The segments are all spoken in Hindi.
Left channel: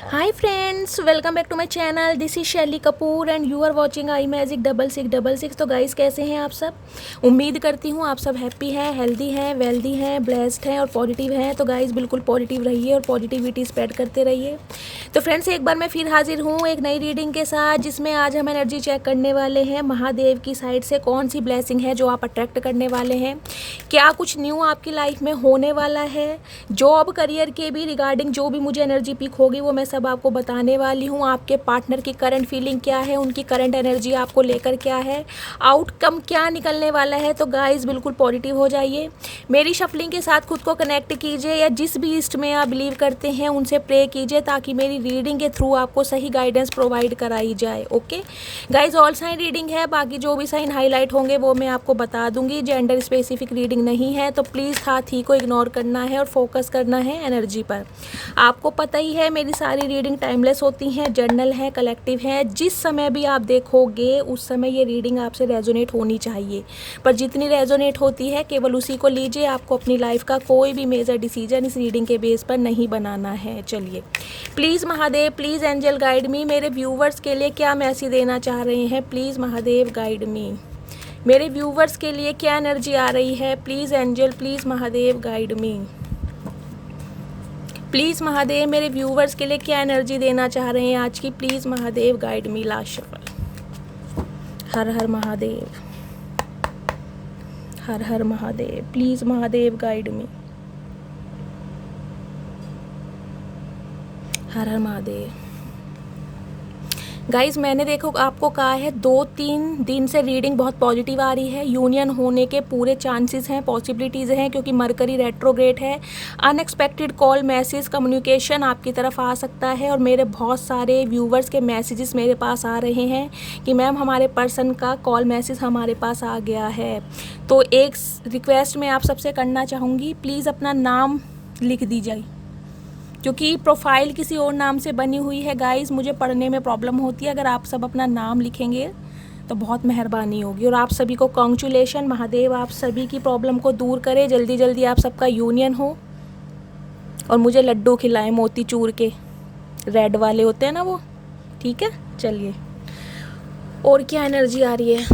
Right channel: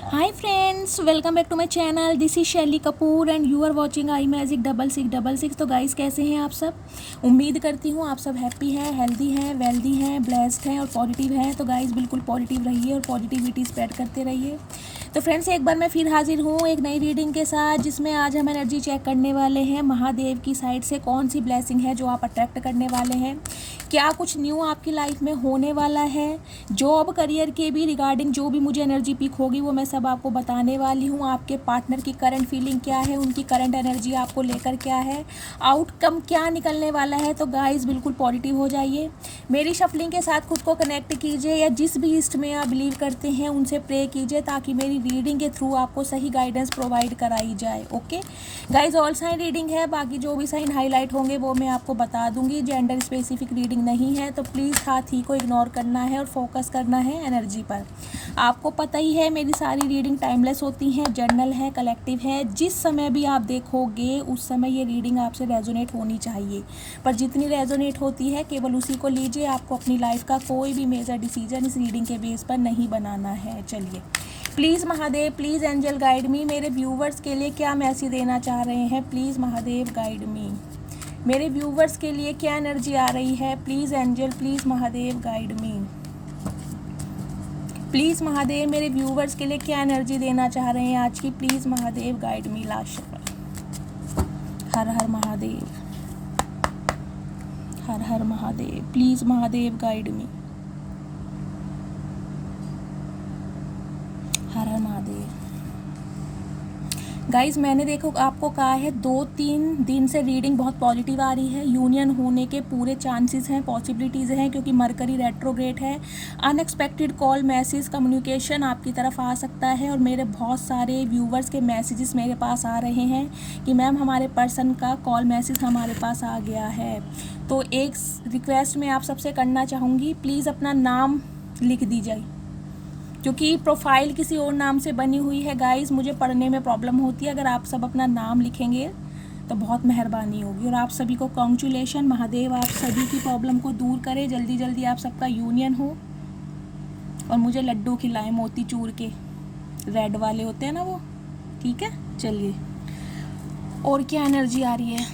Hi friends, welcome back to my channel. This is Shaily Kapoor and you are watching I magic 6666। तो गाइस कैसे हैं आप सब। उम्मीद करती हूँ आप सब हैप्पी हैं, हेल्दी हैं, वेल्दी हैं, ब्लेस्ड हैं और पॉजिटिव हैं। तो गाइस बिल्कुल पॉजिटिव रहिए और पॉजिटिविटी स्प्रेड करते रहिए। तो फ्रेंड्स एक बार मैं फिर हाजिर हूँ एक नई रीडिंग के साथ, जिसमें आज हम एनर्जी चेक करने वाले हैं महादेव की साइड से कौन सी ब्लेसिंग है जो आप अट्रैक्ट करने वाले हैं। क्या कुछ न्यू आपकी लाइफ में होने वाला है। जॉब करियर के भी रिगार्डिंग जो भी मुझे एनर्जी पिक होगी वो मैं सब आपको बताने वाली हूँ। आपके पार्टनर की करंट फीलिंग क्या है, उनकी करंट एनर्जी आपको लेकर क्या है, आउटकम क्या निकलने वाला है। तो गाइस बिल्कुल पॉजिटिव हो जाइए, मेरी शफलिंग के साथ खुद को कनेक्ट कीजिए या जिस भी इष्ट में आप बिलीव करते हैं उनसे प्रे कीजिए ताकि मेरी रीडिंग के थ्रू आपको सही गाइडेंस प्रोवाइड कराई जाए। Okay guys, all sign reading है, बाकी जो भी साइन हाईलाइट होंगे वो मैं आपको बता दूंगी। जेंडर स्पेसिफिक रीडिंग नहीं है, तो प्लीज़ हाथ ही को इग्नोर करना है और फोकस करना है एनर्जी पर। आपको पता ही है मेरी सारी रीडिंग टाइमलेस होती हैं, जर्नल है, कलेक्टिव है। जिस समय भी आप देखोगे उस समय ये रीडिंग आपसे रेजोनेट होनी चाहिए, पर जितनी रेजोनेट होती है केवल उसी को लीजिए। आपको अपनी लाइफ का कोई भी मेजर डिसीजन इस रीडिंग के बेस पर नहीं बनाना है। चलिए please Mahadev, please angel guide me. मेरे व्यूवर्स के लिए क्या मैसेज देना चाह रहे हैं, प्लीज़ महादेव गाइड मी। मेरे व्यूवर्स के लिए क्या एनर्जी आ रही है, please angel, please Mahadev guide me. Please Mahadev मेरे व्यूवर्स के लिए क्या एनर्जी देना चाह रहे हैं आज की, please Mahadev guide me. Last shuffle. Har Har Mahadev, her Har Mahadev, please Mahadev guide me. Her Har Mahadev. Guys मैंने देखो आपको कहा है 2-3 दिन से रीडिंग बहुत पॉजिटिव आ रही है। यूनियन होने के पूरे चांसेस हैं, पॉसिबिलिटीज़ हैं, क्योंकि मरकरी रेट्रोग्रेड है। अनएक्सपेक्टेड कॉल, मैसेज, कम्युनिकेशन आपकी तरफ आ सकता है। और मेरे बहुत सारे व्यूवर्स के मैसेजेस मेरे पास आ रहे हैं कि मैम हमारे पर्सन का कॉल मैसेज हमारे पास आ गया है। तो एक रिक्वेस्ट मैं आप सबसे करना चाहूँगी, प्लीज़ अपना नाम लिख दीजिए, क्योंकि प्रोफाइल किसी और नाम से बनी हुई है। गाइस मुझे पढ़ने में प्रॉब्लम होती है, अगर आप सब अपना नाम लिखेंगे तो बहुत मेहरबानी होगी। और आप सभी को कॉन्ग्रेचुलेशन, महादेव आप सभी की प्रॉब्लम को दूर करे, जल्दी जल्दी आप सबका यूनियन हो और मुझे लड्डू खिलाएं मोतीचूर के, रेड वाले होते हैं ना वो। ठीक है, चलिए और क्या एनर्जी आ रही है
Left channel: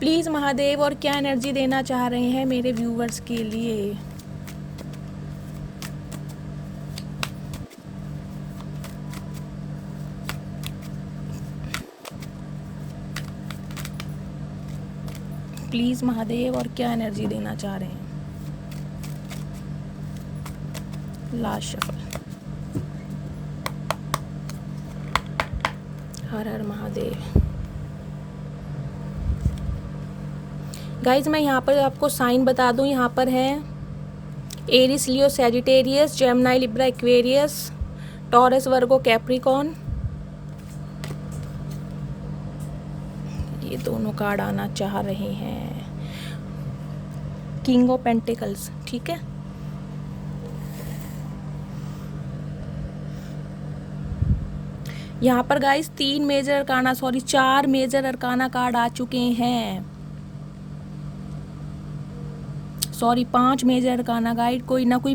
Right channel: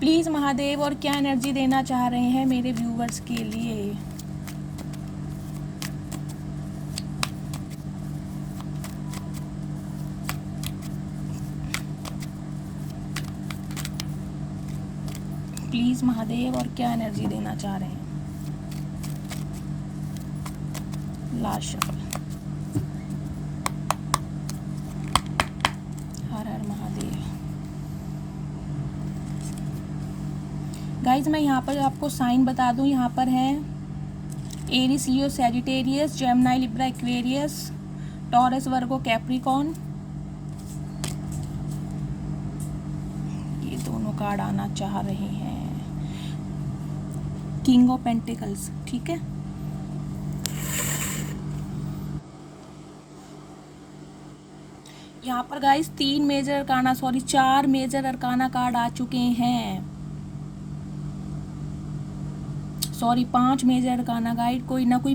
प्लीज़ महादेव, और क्या एनर्जी देना चाह रहे हैं मेरे व्यूवर्स के लिए। प्लीज़ महादेव और क्या एनर्जी देना चाह रहे हैं। Last shuffle. Har Har Mahadev. Guys मैं यहाँ पर आपको साइन बता दूँ, यहाँ पर है Aries, Leo, Sagittarius, Gemini, Libra, Aquarius, Taurus, Virgo, Capricorn. ये दोनों कार्ड आना चाह रहे हैं, किंग ऑफ पेंटिकल्स। ठीक है, यहाँ पर गाइस 4 मेजर अरकाना कार्ड आ चुके हैं। 5 मेजर अरकाना गाइड, कोई ना कोई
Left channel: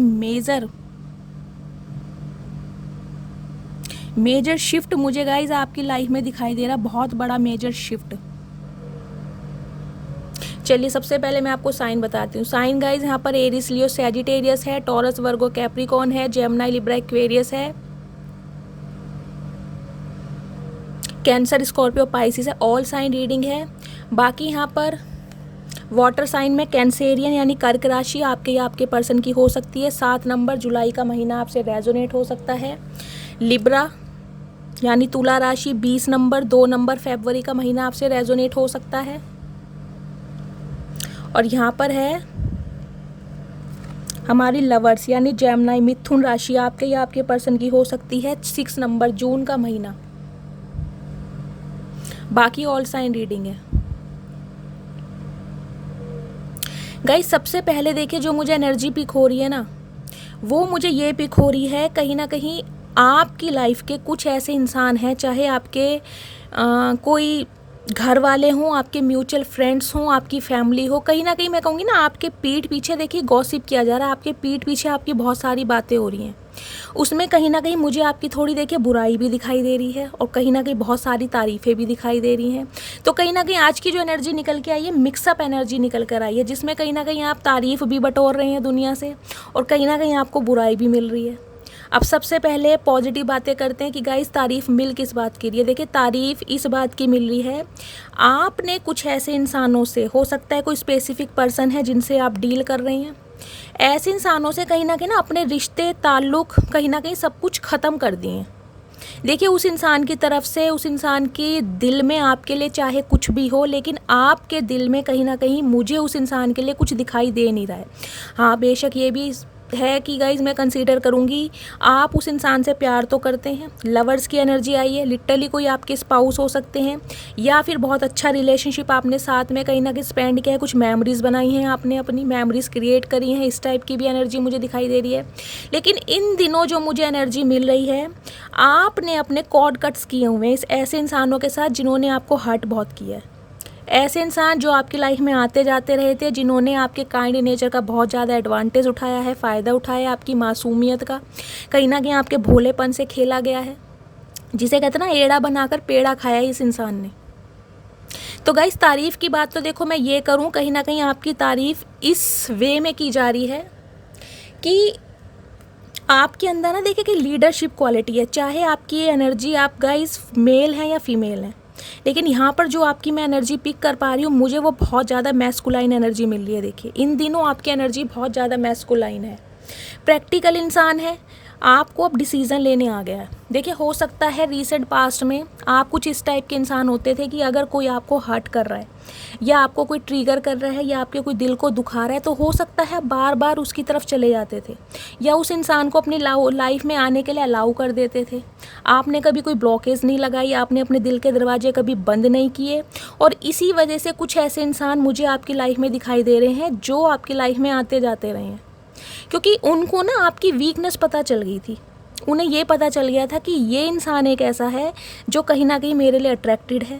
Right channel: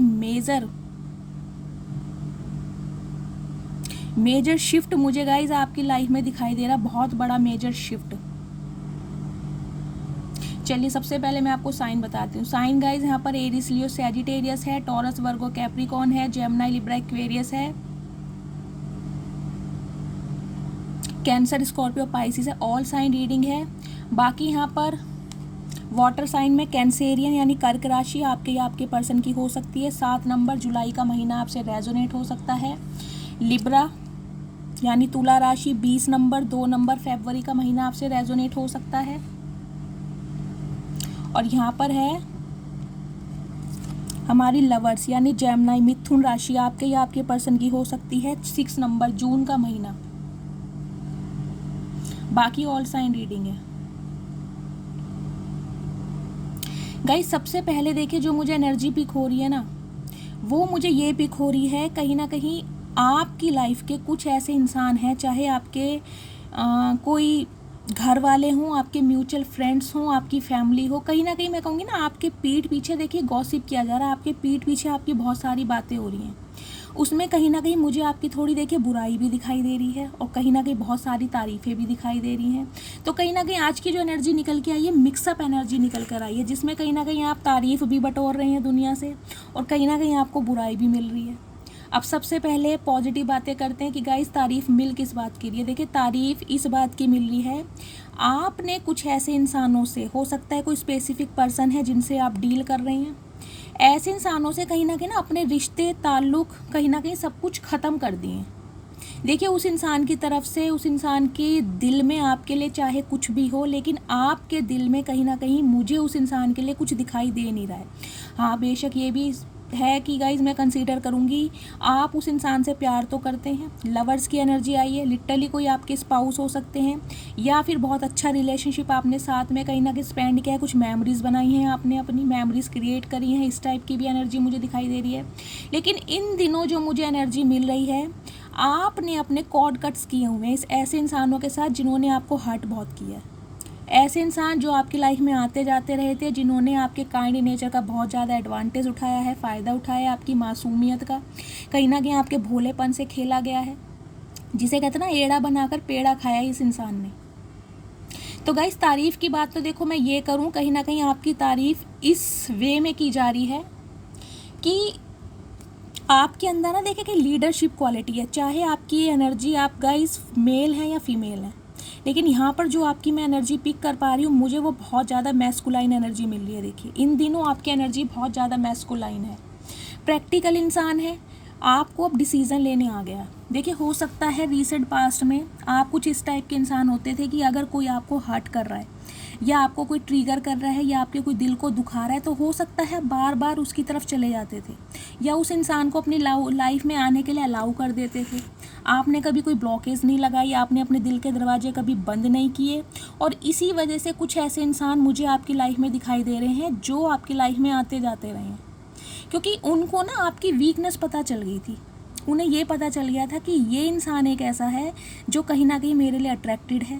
मेजर शिफ्ट मुझे गाइज आपकी लाइफ में दिखाई दे रहा, बहुत बड़ा मेजर शिफ्ट। चलिए सबसे पहले मैं आपको साइन बताती हूँ। साइन गाइज यहाँ पर एरिस, लियो, सैजिटेरियस है, टॉरस, वर्गो, कैप्रिकॉन है, जेमिनी, लिब्रा, एक्वेरियस है, कैंसर, स्कॉर्पियो, पाइसिस है। ऑल साइन रीडिंग है। बाकी यहाँ पर वाटर साइन में कैंसेरियन यानी कर्क राशि आपके या आपके पर्सन की हो सकती है। 7 नंबर जुलाई का महीना आपसे रेजोनेट हो सकता है। लिब्रा यानी तुला राशि 20 नंबर 2 नंबर फरवरी का महीना आपसे रेजोनेट हो सकता है। और यहाँ पर है हमारी लवर्स यानी जेमिनी, मिथुन राशि आपके या आपके पर्सन की हो सकती है। 6 नंबर जून का महीना। बाकी ऑल साइन रीडिंग है। गाइस सबसे पहले देखिए जो मुझे एनर्जी पिक हो रही है ना, वो मुझे ये पिक हो रही है कहीं ना कहीं आपकी लाइफ के कुछ ऐसे इंसान हैं, चाहे आपके कोई घर वाले हों, आपके म्यूचुअल फ्रेंड्स हों, आपकी फैमिली हो, कहीं ना कहीं मैं कहूँगी ना आपके पीठ पीछे देखिए गॉसिप किया जा रहा है, आपके पीठ पीछे आपकी बहुत सारी बातें हो रही हैं। उसमें कहीं ना कहीं मुझे आपकी थोड़ी देखिए बुराई भी दिखाई दे रही है और कहीं ना कहीं बहुत सारी तारीफ़ें भी दिखाई दे रही हैं। तो कहीं ना कहीं आज की जो एनर्जी निकल के आई है, मिक्सअप एनर्जी निकल कर आई है, जिसमें कहीं ना कहीं आप तारीफ़ भी बटोर रहे हैं दुनिया से और कहीं ना कहीं आपको बुराई भी मिल रही है। अब सबसे पहले पॉजिटिव बातें करते हैं कि गाइस तारीफ़ मिल किस बात की रही है। देखिए तारीफ़ इस बात की मिल रही है, आपने कुछ ऐसे इंसानों से, हो सकता है कोई स्पेसिफिक पर्सन है जिनसे आप डील कर रहे हैं, ऐसे इंसानों से कहीं ना अपने रिश्ते ताल्लुक़ कहीं ना कहीं सब कुछ ख़त्म कर दिए हैं। देखिए उस इंसान की तरफ से, उस इंसान के दिल में आपके लिए चाहे कुछ भी हो, लेकिन आपके दिल में कहीं ना कहीं मुझे उस इंसान के लिए कुछ दिखाई दे नहीं रहा है। हाँ बेशक ये भी है कि गाइज मैं कंसीडर करूँगी आप उस इंसान से प्यार तो करते हैं, लवर्स की एनर्जी आई है, लिटरली कोई आपके स्पाउस हो सकते हैं या फिर बहुत अच्छा रिलेशनशिप आपने साथ में कहीं ना कहीं स्पेंड किया है, कुछ मेमोरीज़ बनाई हैं आपने, अपनी मेमोरीज़ क्रिएट करी हैं, इस टाइप की भी एनर्जी मुझे दिखाई दे रही है। लेकिन इन दिनों जो मुझे एनर्जी मिल रही है, आपने अपने कॉर्ड कट्स किए हुए हैं इस ऐसे इंसानों के साथ जिन्होंने आपको हर्ट बहुत किया है। ऐसे इंसान जो आपकी लाइफ में आते जाते रहे थे, जिन्होंने आपके काइंड नेचर का बहुत ज़्यादा एडवांटेज उठाया है, फ़ायदा उठाया है, आपकी मासूमियत का कहीं ना कहीं आपके भोलेपन से खेला गया है, जिसे कहते हैं ना एड़ा बनाकर पेड़ा खाया इस इंसान ने। तो गाइस तारीफ़ की बात तो देखो मैं ये करूँ, कहीं ना कहीं आपकी तारीफ़ इस वे में की जा रही है कि आपके अंदर ना देखिए कि लीडरशिप क्वालिटी है, चाहे आपकी एनर्जी आप गाइस मेल हैं या फीमेल हैं, लेकिन यहाँ पर जो आपकी मैं एनर्जी पिक कर पा रही हूँ, मुझे वो बहुत ज़्यादा मैस्कुलाइन एनर्जी मिल रही है। देखिए इन दिनों आपकी एनर्जी बहुत ज़्यादा मैस्कुलाइन है, प्रैक्टिकल इंसान है, आपको अब डिसीज़न लेने आ गया है। देखिए हो सकता है रीसेंट पास्ट में आप कुछ इस टाइप के इंसान होते थे कि अगर कोई आपको हर्ट कर रहा है या आपको कोई ट्रिगर कर रहा है या आपके कोई दिल को दुखा रहा है, तो हो सकता है बार बार उसकी तरफ चले जाते थे या उस इंसान को अपनी लाइफ में आने के लिए अलाउ कर देते थे। आपने कभी कोई ब्लॉकेज नहीं लगाई, आपने अपने दिल के दरवाजे कभी बंद नहीं किए, और इसी वजह से कुछ ऐसे इंसान मुझे आपकी लाइफ में दिखाई दे रहे हैं जो आपकी लाइफ में आते जाते रहे हैं, क्योंकि उनको ना आपकी वीकनेस पता चल गई थी। उन्हें ये पता चल गया था कि ये इंसान एक ऐसा है जो कहीं ना कहीं मेरे लिए अट्रैक्टेड है,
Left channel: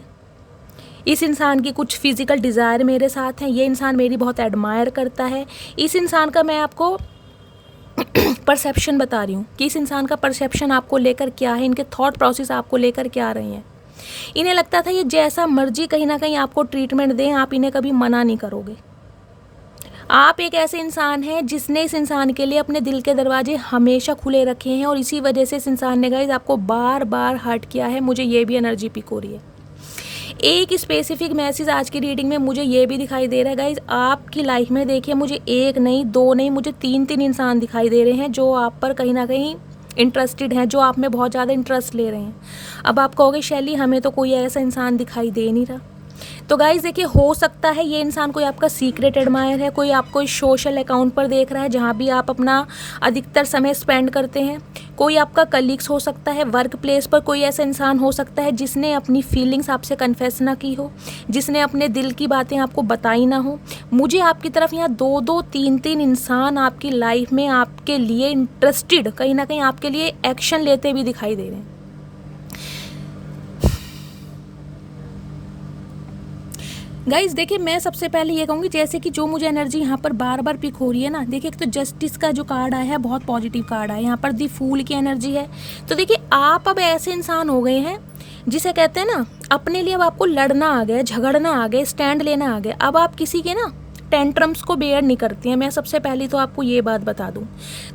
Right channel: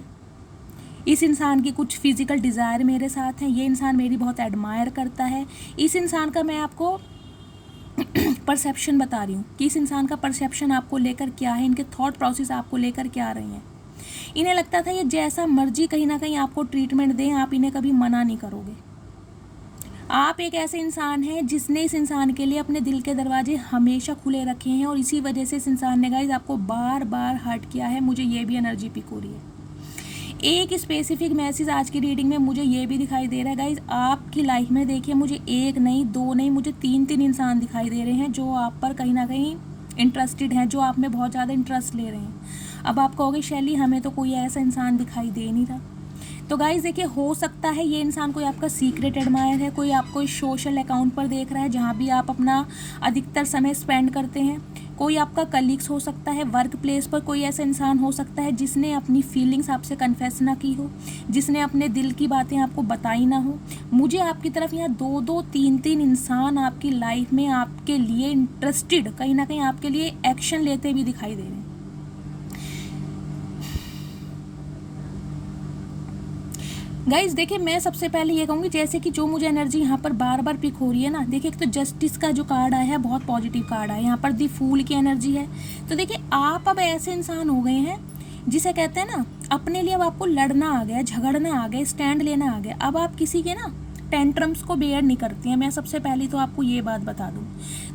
इस इंसान की कुछ फिज़िकल डिज़ायर मेरे साथ है, ये इंसान मेरी बहुत एडमायर करता है। इस इंसान का मैं आपको परसेप्शन बता रही हूँ कि इस इंसान का परसेप्शन आपको लेकर क्या है, इनके थॉट प्रोसेस आपको लेकर क्या आ रही हैं। इन्हें लगता था ये जैसा मर्जी कहीं ना कहीं आपको ट्रीटमेंट दें, आप इन्हें कभी मना नहीं करोगे। आप एक ऐसे इंसान हैं जिसने इस इंसान के लिए अपने दिल के दरवाजे हमेशा खुले रखे हैं और इसी वजह से इस इंसान ने गाइस आपको बार बार हर्ट किया है। मुझे ये भी एनर्जी पिक हो रही है। एक स्पेसिफिक मैसेज आज की रीडिंग में मुझे ये भी दिखाई दे रहा है गाइस, आपकी लाइफ में देखिए मुझे एक नहीं, दो नहीं, मुझे तीन इंसान दिखाई दे रहे हैं जो आप पर कहीं ना कहीं इंटरेस्टेड हैं, जो आप में बहुत ज़्यादा इंटरेस्ट ले रहे हैं। अब आप कहोगे शैली हमें तो कोई ऐसा इंसान दिखाई दे नहीं रहा, तो गाइज़ देखिए हो सकता है ये इंसान कोई आपका सीक्रेट एडमायर है, कोई आपको सोशल अकाउंट पर देख रहा है जहाँ भी आप अपना अधिकतर समय स्पेंड करते हैं, कोई आपका कलीग्स हो सकता है, वर्क प्लेस पर कोई ऐसा इंसान हो सकता है जिसने अपनी फीलिंग्स आपसे कन्फेस ना की हो, जिसने अपने दिल की बातें आपको बताई ना हो। मुझे आपकी तरफ यहाँ दो तीन इंसान आपकी लाइफ में आपके लिए इंटरेस्टेड, कहीं ना कहीं आपके लिए एक्शन लेते भी दिखाई दे रहे हैं। गाइज देखिए मैं सबसे पहले ये कहूँगी, जैसे कि जो मुझे एनर्जी यहाँ पर बार बार पिक हो रही है ना, देखिए एक तो जस्टिस का जो कार्ड आया है बहुत पॉजिटिव कार्ड आया है, यहाँ पर दी फूल की एनर्जी है। तो देखिए आप अब ऐसे इंसान हो गए हैं जिसे कहते हैं ना अपने लिए अब आपको लड़ना आ गया, झगड़ना आ गया, स्टैंड लेना आ गया। अब आप किसी के ना टेंट्रम्स को बेयर नहीं करती हैं, मैं सबसे पहले तो आपको ये बात बता दूं।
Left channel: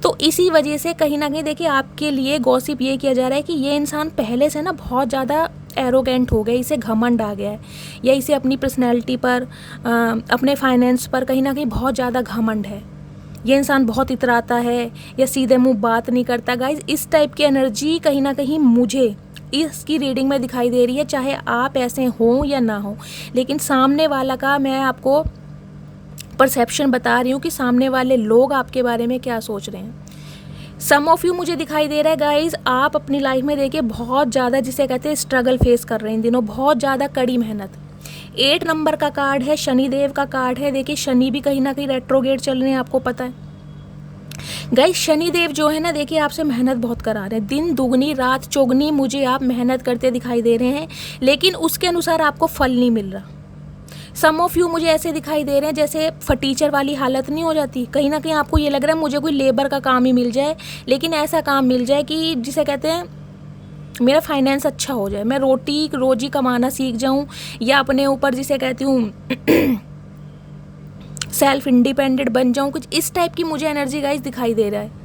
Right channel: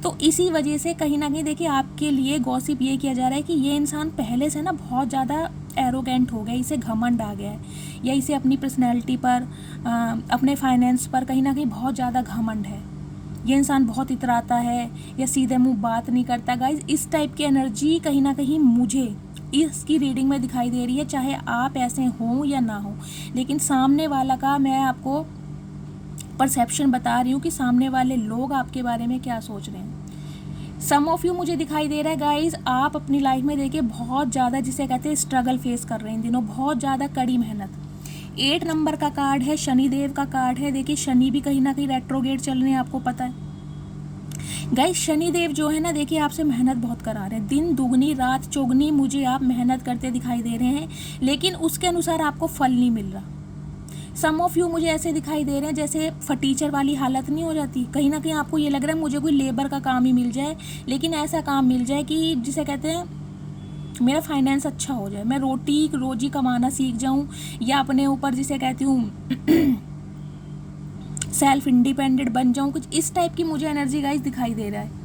तो इसी वजह से कहीं ना कहीं देखिए आपके लिए गॉसिप ये किया जा रहा है कि ये इंसान पहले से ना बहुत ज़्यादा एरोगेंट हो गया, इसे घमंड आ गया है, या इसे अपनी पर्सनैलिटी पर अपने फाइनेंस पर कहीं ना कहीं बहुत ज़्यादा घमंड है, ये इंसान बहुत इतराता है या सीधे मुँह बात नहीं करता। गाइज इस टाइप की एनर्जी कहीं ना कहीं मुझे इसकी रीडिंग में दिखाई दे रही है, चाहे आप ऐसे हों या ना हो, लेकिन सामने वाला का मैं आपको परसेप्शन बता रही हूँ कि सामने वाले लोग आपके बारे में क्या सोच रहे हैं। सम ऑफ यू मुझे दिखाई दे रहा है गाइज आप अपनी लाइफ में देखिए बहुत ज़्यादा जिसे कहते हैं स्ट्रगल फेस कर रहे हैं इन दिनों, बहुत ज़्यादा कड़ी मेहनत। 8 नंबर का कार्ड है, शनिदेव का कार्ड है। देखिए शनि भी कहीं ना कहीं रेट्रोगेट चल रहे हैं, आपको पता है गाइस। शनिदेव जो है ना देखिए आपसे मेहनत बहुत करा रहे हैं, दिन दुगनी रात चौगनी मुझे आप मेहनत करते दिखाई दे रहे हैं, लेकिन उसके अनुसार आपको फल नहीं मिल रहा। सम ऑफ यू मुझे ऐसे दिखाई दे रहे हैं जैसे फटीचर वाली हालत नहीं हो जाती, कहीं ना कहीं आपको ये लग रहा है मुझे कोई लेबर का काम ही मिल जाए, लेकिन ऐसा काम मिल जाए कि जिसे कहते हैं मेरा फाइनेंस अच्छा हो जाए, मैं रोटी रोजी कमाना सीख जाऊं, या अपने ऊपर जिसे कहती हूँ सेल्फ इंडिपेंडेंट बन जाऊं, कुछ इस टाइप की मुझे एनर्जी गाइज दिखाई दे रहा है।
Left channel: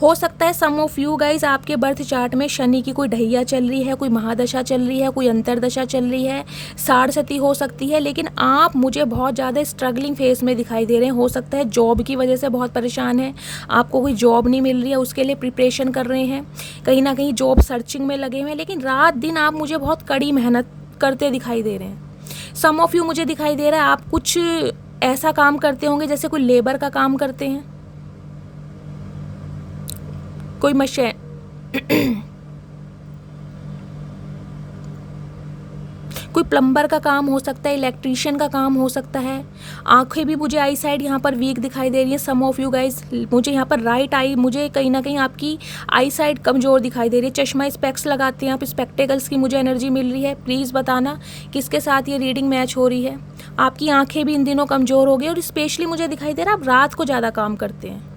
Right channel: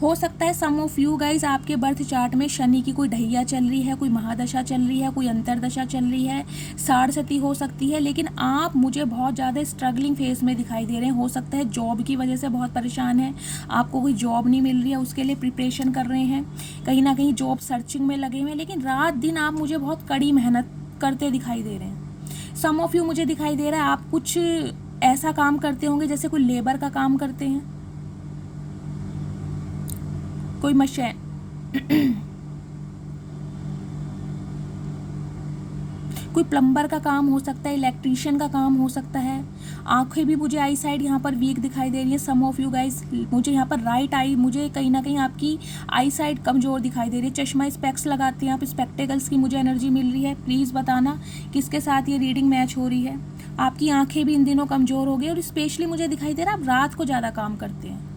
हो सकता है सम ऑफ यू गाइज आपके बर्थ चार्ट में शनि की कोई ढैया चल रही है, कोई महादशा चल रही है, कोई अंतरदशा चल रही है, साढ़सती हो सकती है, लेकिन आप मुझे बहुत ज़्यादा स्ट्रगलिंग फेज में दिखाई दे रहे हैं। हो सकता है जॉब की वजह से बहुत परेशान है, आपको कोई जॉब नहीं मिल रही है, उसके लिए प्रिपरेशन कर रहे हैं, कहीं ना कहीं जॉब सर्चिंग में लगे हुए हैं, लेकिन रात दिन आप मुझे बहुत कड़ी मेहनत करते दिखाई दे रहे हैं। सम ऑफ यू मुझे दिखाई दे रहा है आप कुछ ऐसा काम करते होंगे जैसे कोई लेबर का काम करते हैं, कोई कोई प्लम्बर का काम हो सकता है, इलेक्ट्रीशियन का काम हो सकता है। आंखें भी मुझे आई साइड यहाँ पर वीक दिखाई दे रही है सम ऑफ यू गाइज, मुझे यहाँ पर राइट आई, मुझे कहीं ना कहीं आपकी आई साइड कमज़ोर दिखाई दे रही है। चश्मा स्पेक्स लगाते हैं आप, स्पेक्टेकल्स की मुझे एनर्जी मिल रही है। प्लीज़ बताना किसके साथ ये रीडिंग मैच हो रही है। आपकी आंखें भी इन दिनों कमज़ोर हो गई, और स्पेशली मुझे दिखाई दे रहा है आप रात को ज़्यादा काम करते हैं,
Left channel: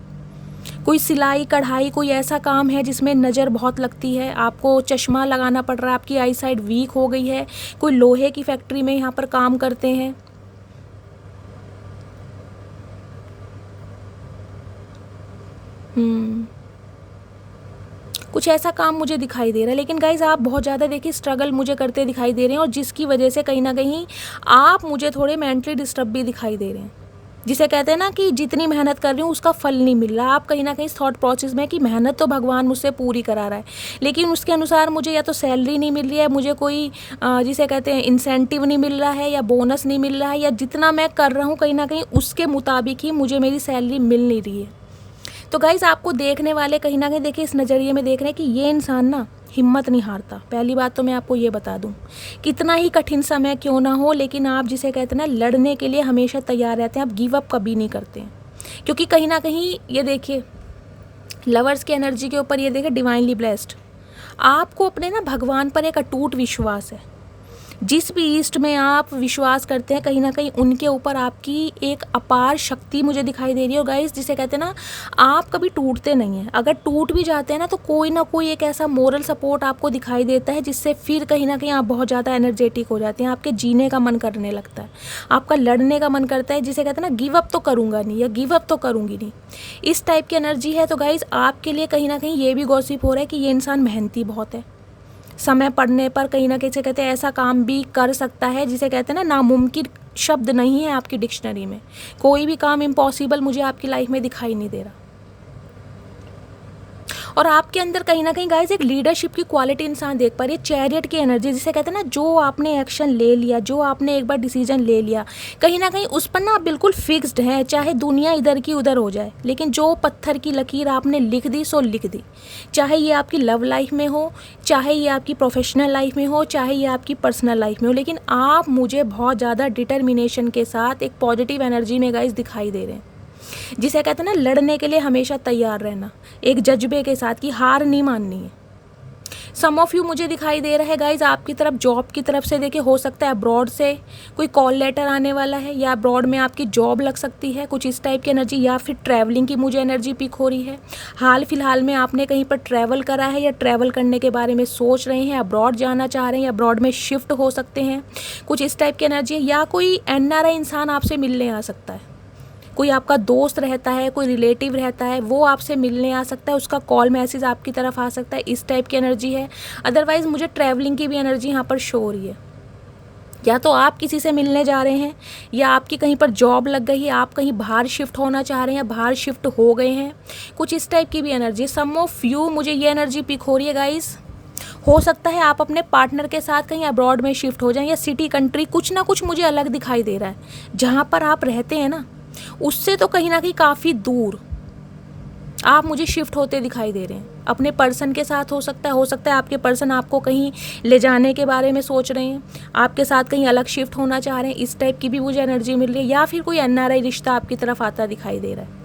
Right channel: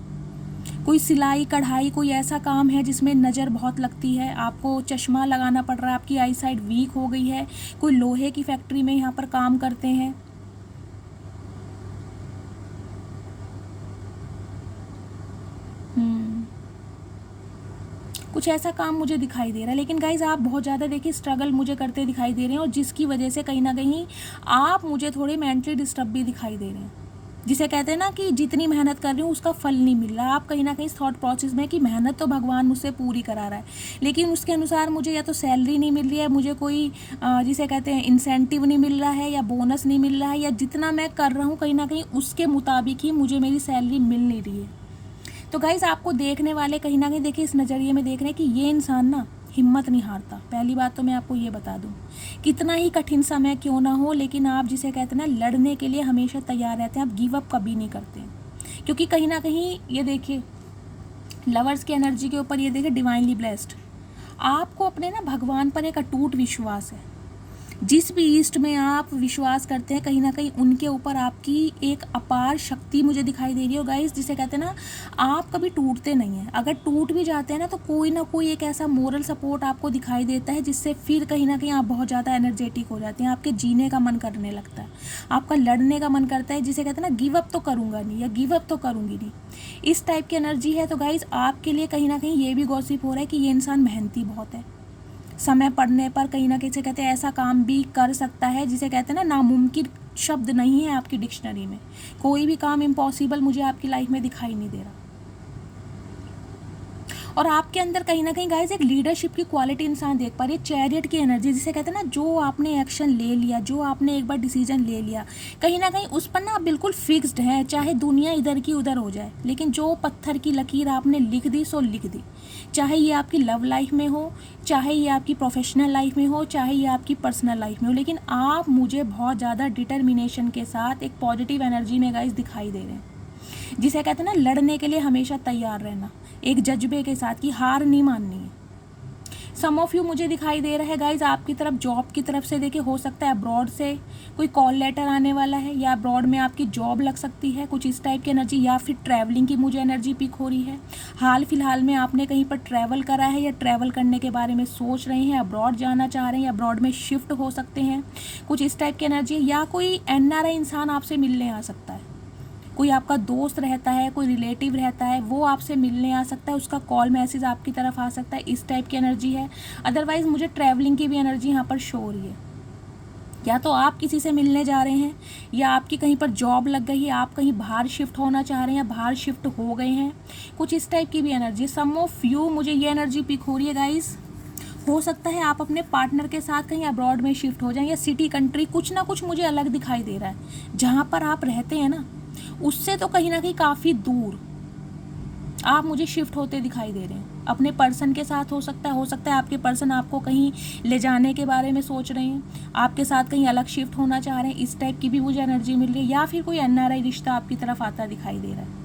कोई सिलाई कढ़ाई कोई ऐसा काम है जिसमें नज़र बहुत लगती है, आपको चश्मा लगाना पड़ रहा है, आपकी आई साइड वीक हो गई है। कोई लोहे की फैक्ट्री में यहाँ पर काम करते हैं, कुछ ऐसा काम मुझे दिखाई दे रहा है। लेकिन गाइज आप बहुत ज़्यादा देखिए स्ट्रगल मुझे करते दिखाई दे रहे हैं, और जिसकी वजह से कहीं ना कहीं आप मुझे थोड़े मेंटली डिस्टर्ब भी दिखाई दे रहे हैं। जिसे कहते हैं ना कि जितनी मेहनत कर रही हूँ उसका फल नहीं मिल रहा। आप कहीं ना कहीं थॉट प्रोसेस में कि मेहनत तो भगवान मुझसे पूरी करा रहा है, लेकिन उसके अनुसार मुझे या तो सैलरी नहीं मिल रही है, मुझे कोई जिसे कहते हैं इंसेंटिव नहीं मिल रहा है, या बोनस नहीं मिल रहा है, या जितना मैं कर रहा हूँ कहीं ना कहीं उसके मुताबिक ही मुझे मेरी सैलरी मिल नहीं रही है। तो गाइज़ आपको देखने वाले कहीं ना कहीं देखिए इस नज़रिए में देख रहे हैं कि ये इंसान ना हिम्मत नहीं हारता। पहली बात तो मैं आपको ये बता दूं, कितना ही कठिन समय क्यों ना हो, लेकिन आप जिसे कहते हैं ना लड़ने के लिए हमेशा तैयार रहते हैं, आप गिव अप कभी नहीं करते हैं। क्योंकि कहीं ना कहीं ये देखिए लवर्स की एनर्जी के ऊपर ये देखिए डिवाइनली ब्लेस्ड, आपको अपने ना भगवान पर एक अटूट विश्वास है। जिस भी ईस्ट में आप विश्वास करते हैं कहीं ना कहीं उनके ऊपर आपकी एक अपार शक्ति मुझे दिखाई दे रही है। गाइस जिसे कहते हैं ना आप कभी टूटते नहीं हैं, अगर टूट भी जाते हैं ना तो कोई ना कोई एक ऐसा मोरल सपोर्ट आपको दिखाई देता है जिससे फिर कहीं ना कहीं आप बहुत ज़्यादा एनर्जेटिक हो जाते हैं, आपके जीने का मन करने लगता है, आपका लड़ने का मन करता है, जिसे कहते हैं ना गिव अप तो करूँगा नहीं या गिव अप तो करूँगी नहीं, इस टाइप की एनर्जी है। तो गाइस आपके लिए कहीं ना कहीं ये भी गॉसिप हो रहा है कि ये इंसान मेहनती बहुत है, समय पड़ने पर कहीं ना कहीं से कहते हैं ऐसा काम भी कर सकता है जिसे कहते हैं ना नामुमकिन शब्द नहीं है आपकी डिक्शनरी में, कोई भी काम इम्पॉसिबल मुझे आपकी लाइफ में दिखाई नहीं दे रहा। और आपके अंदर कहीं ना कहीं गाइस एक लीडरशिप की क्वालिटी इंसान देख पा रही है, चैरियट की एनर्जी जिसे कहते हैं ना जो आपने एक्शन ले लिया, जो आपने एक बार डिसीजन ले लिया कहीं ना कहीं उस पर ना आप बिल्कुल फिक्स्ड हैं, चाहे दुनिया इधर की उधर हो जाए, लेकिन जो पत्थर की लकीर आपने लिख दी सो लिख दी। चाहे ये आपकी लव लाइफ में हो, चाहे ये आपकी प्रोफेशनल लाइफ में हो, चाहे ये आपकी पर्सनल लाइफ में हो, लेकिन आप मुझे बहुत ज़्यादा डिटर्मिनेशन के साथ एक पॉजिटिव एनर्जी में गाइस दिखाई दे रहे हैं, जिसे कहते हैं ना लड़ने के लिए हमेशा तैयार रहना, एक जज्बे के साथ कि हार नहीं माननी है। सम ऑफ यू मुझे दिखाई दे रहा है गाइज आपकी तरफ जॉब की तरफ से देखिए, हो सकता है अब्रॉड से कोई कॉल लेटर आने वाला है, या अब्रॉड में आपकी जॉब लग सकती है, कुछ इस टाइप की एनर्जी, या फिर ट्रैवलिंग की मुझे एनर्जी पिक हो रही है। हाल फिलहाल में आपने कहीं पर ट्रैवल करा है या ट्रैवल करने के बारे में सोच रहे हैं, अब्रॉड जाना चाह रहे हैं या अब्रॉड में शिफ्ट हो सकते हैं, कुछ इस टाइप की एनर्जी है। या कोई NRI इंसान आपसे मिलने आ सकता है, कोई आपका दोस्त रहता है, कोई रिलेटिव रहता है, वो आपसे मिलने आ सकता है, उसका कॉल मैसेज आपकी तरफ आ सकता है, इस टाइप की एनर्जी है। अदरवाइज़ मुझे ट्रैवलिंग की भी एनर्जी यहाँ पर शो हो रही है, या तो आप किसी से मिलने जा रहे हैं, या आपकी कहीं पर जॉब लग गई है, आप कहीं बाहर शिफ्ट होना चाह रहे हैं, बाहर शिफ्ट हो गए हैं, कुछ इस टाइप की भी एनर्जी। सम ऑफ यू मुझे ये एनर्जी पिक हो रही है गाइस। हो सकता है आप अपने पार्टनर के साथ कहीं अब्रॉड में शिफ्ट हो जाएं, या सिटी कंट्री कुछ ना कुछ मुझे अलग दिखाई दे रहा है। जहाँ पर आप रहते हैं ना उससे तो कहीं ना कहीं काफ़ी दूर आप मुझे शिफ्ट होते दिखाई दे रहे हैं, अपने पर्सन के साथ हो सकता है आपके पर्सन आपको कहीं ले जाने के बारे में सोच रहे हैं, आपके साथ कहीं अलग शिफ्ट होना चाह रहे हैं, इस टाइप की भी मुझे एनर्जी मिल रही है। या फिर कोई NRI रिश्ता आपकी तरफ आता दिखाई दे रहा है।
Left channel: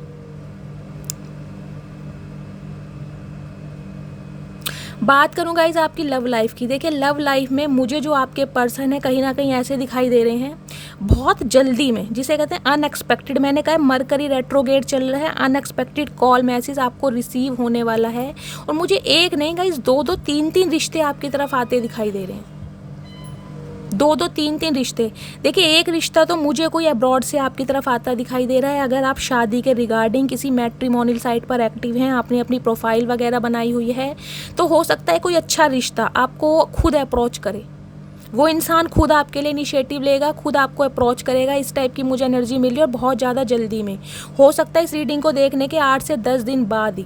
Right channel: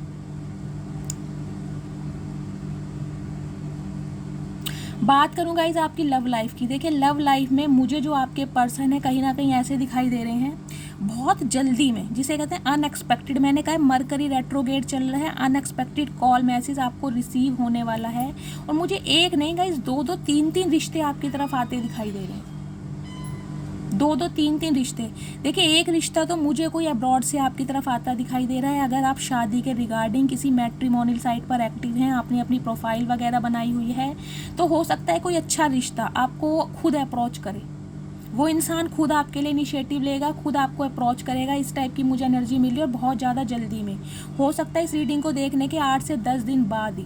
बात करूँ गाइज आपकी लव लाइफ की, देखिए लव लाइफ में मुझे जो आपके पर्सन है कहीं ना कहीं ऐसे दिखाई दे रहे हैं, बहुत जल्दी में, जिसे कहते हैं अनएक्सपेक्टेड। मैंने कहा मरकरी रेट्रोगेट चल रहा है, अनएक्सपेक्टेड कॉल मैसेज आपको रिसीव होने वाला है। और मुझे एक नहीं गाइस, 2-2 3-3 रिश्ते आपकी तरफ आते दिखाई दे रहे हैं। 2-2 3-3 रिश्ते। देखिए एक रिश्ता तो मुझे कोई अब्रॉड से आपकी तरफ आता दिखाई दे रहा है। अगर आप शादी के रिगार्डिंग किसी मैट्रिमोनियल साइट पर एक्टिव हैं, आपने अपनी प्रोफाइल वगैरह बनाई हुई है, तो हो सकता है कोई अच्छा रिश्ता आपको खुद अप्रोच करे। वो इंसान खुद आपके लिए इनिशिएटिव लेगा, खुद आपको अप्रोच करेगा। इस टाइप की मुझे एनर्जी मिली और बहुत ज़्यादा जल्दी में। हो सकता है इस रीडिंग को देखने के 8 से 10 दिन बाद ही,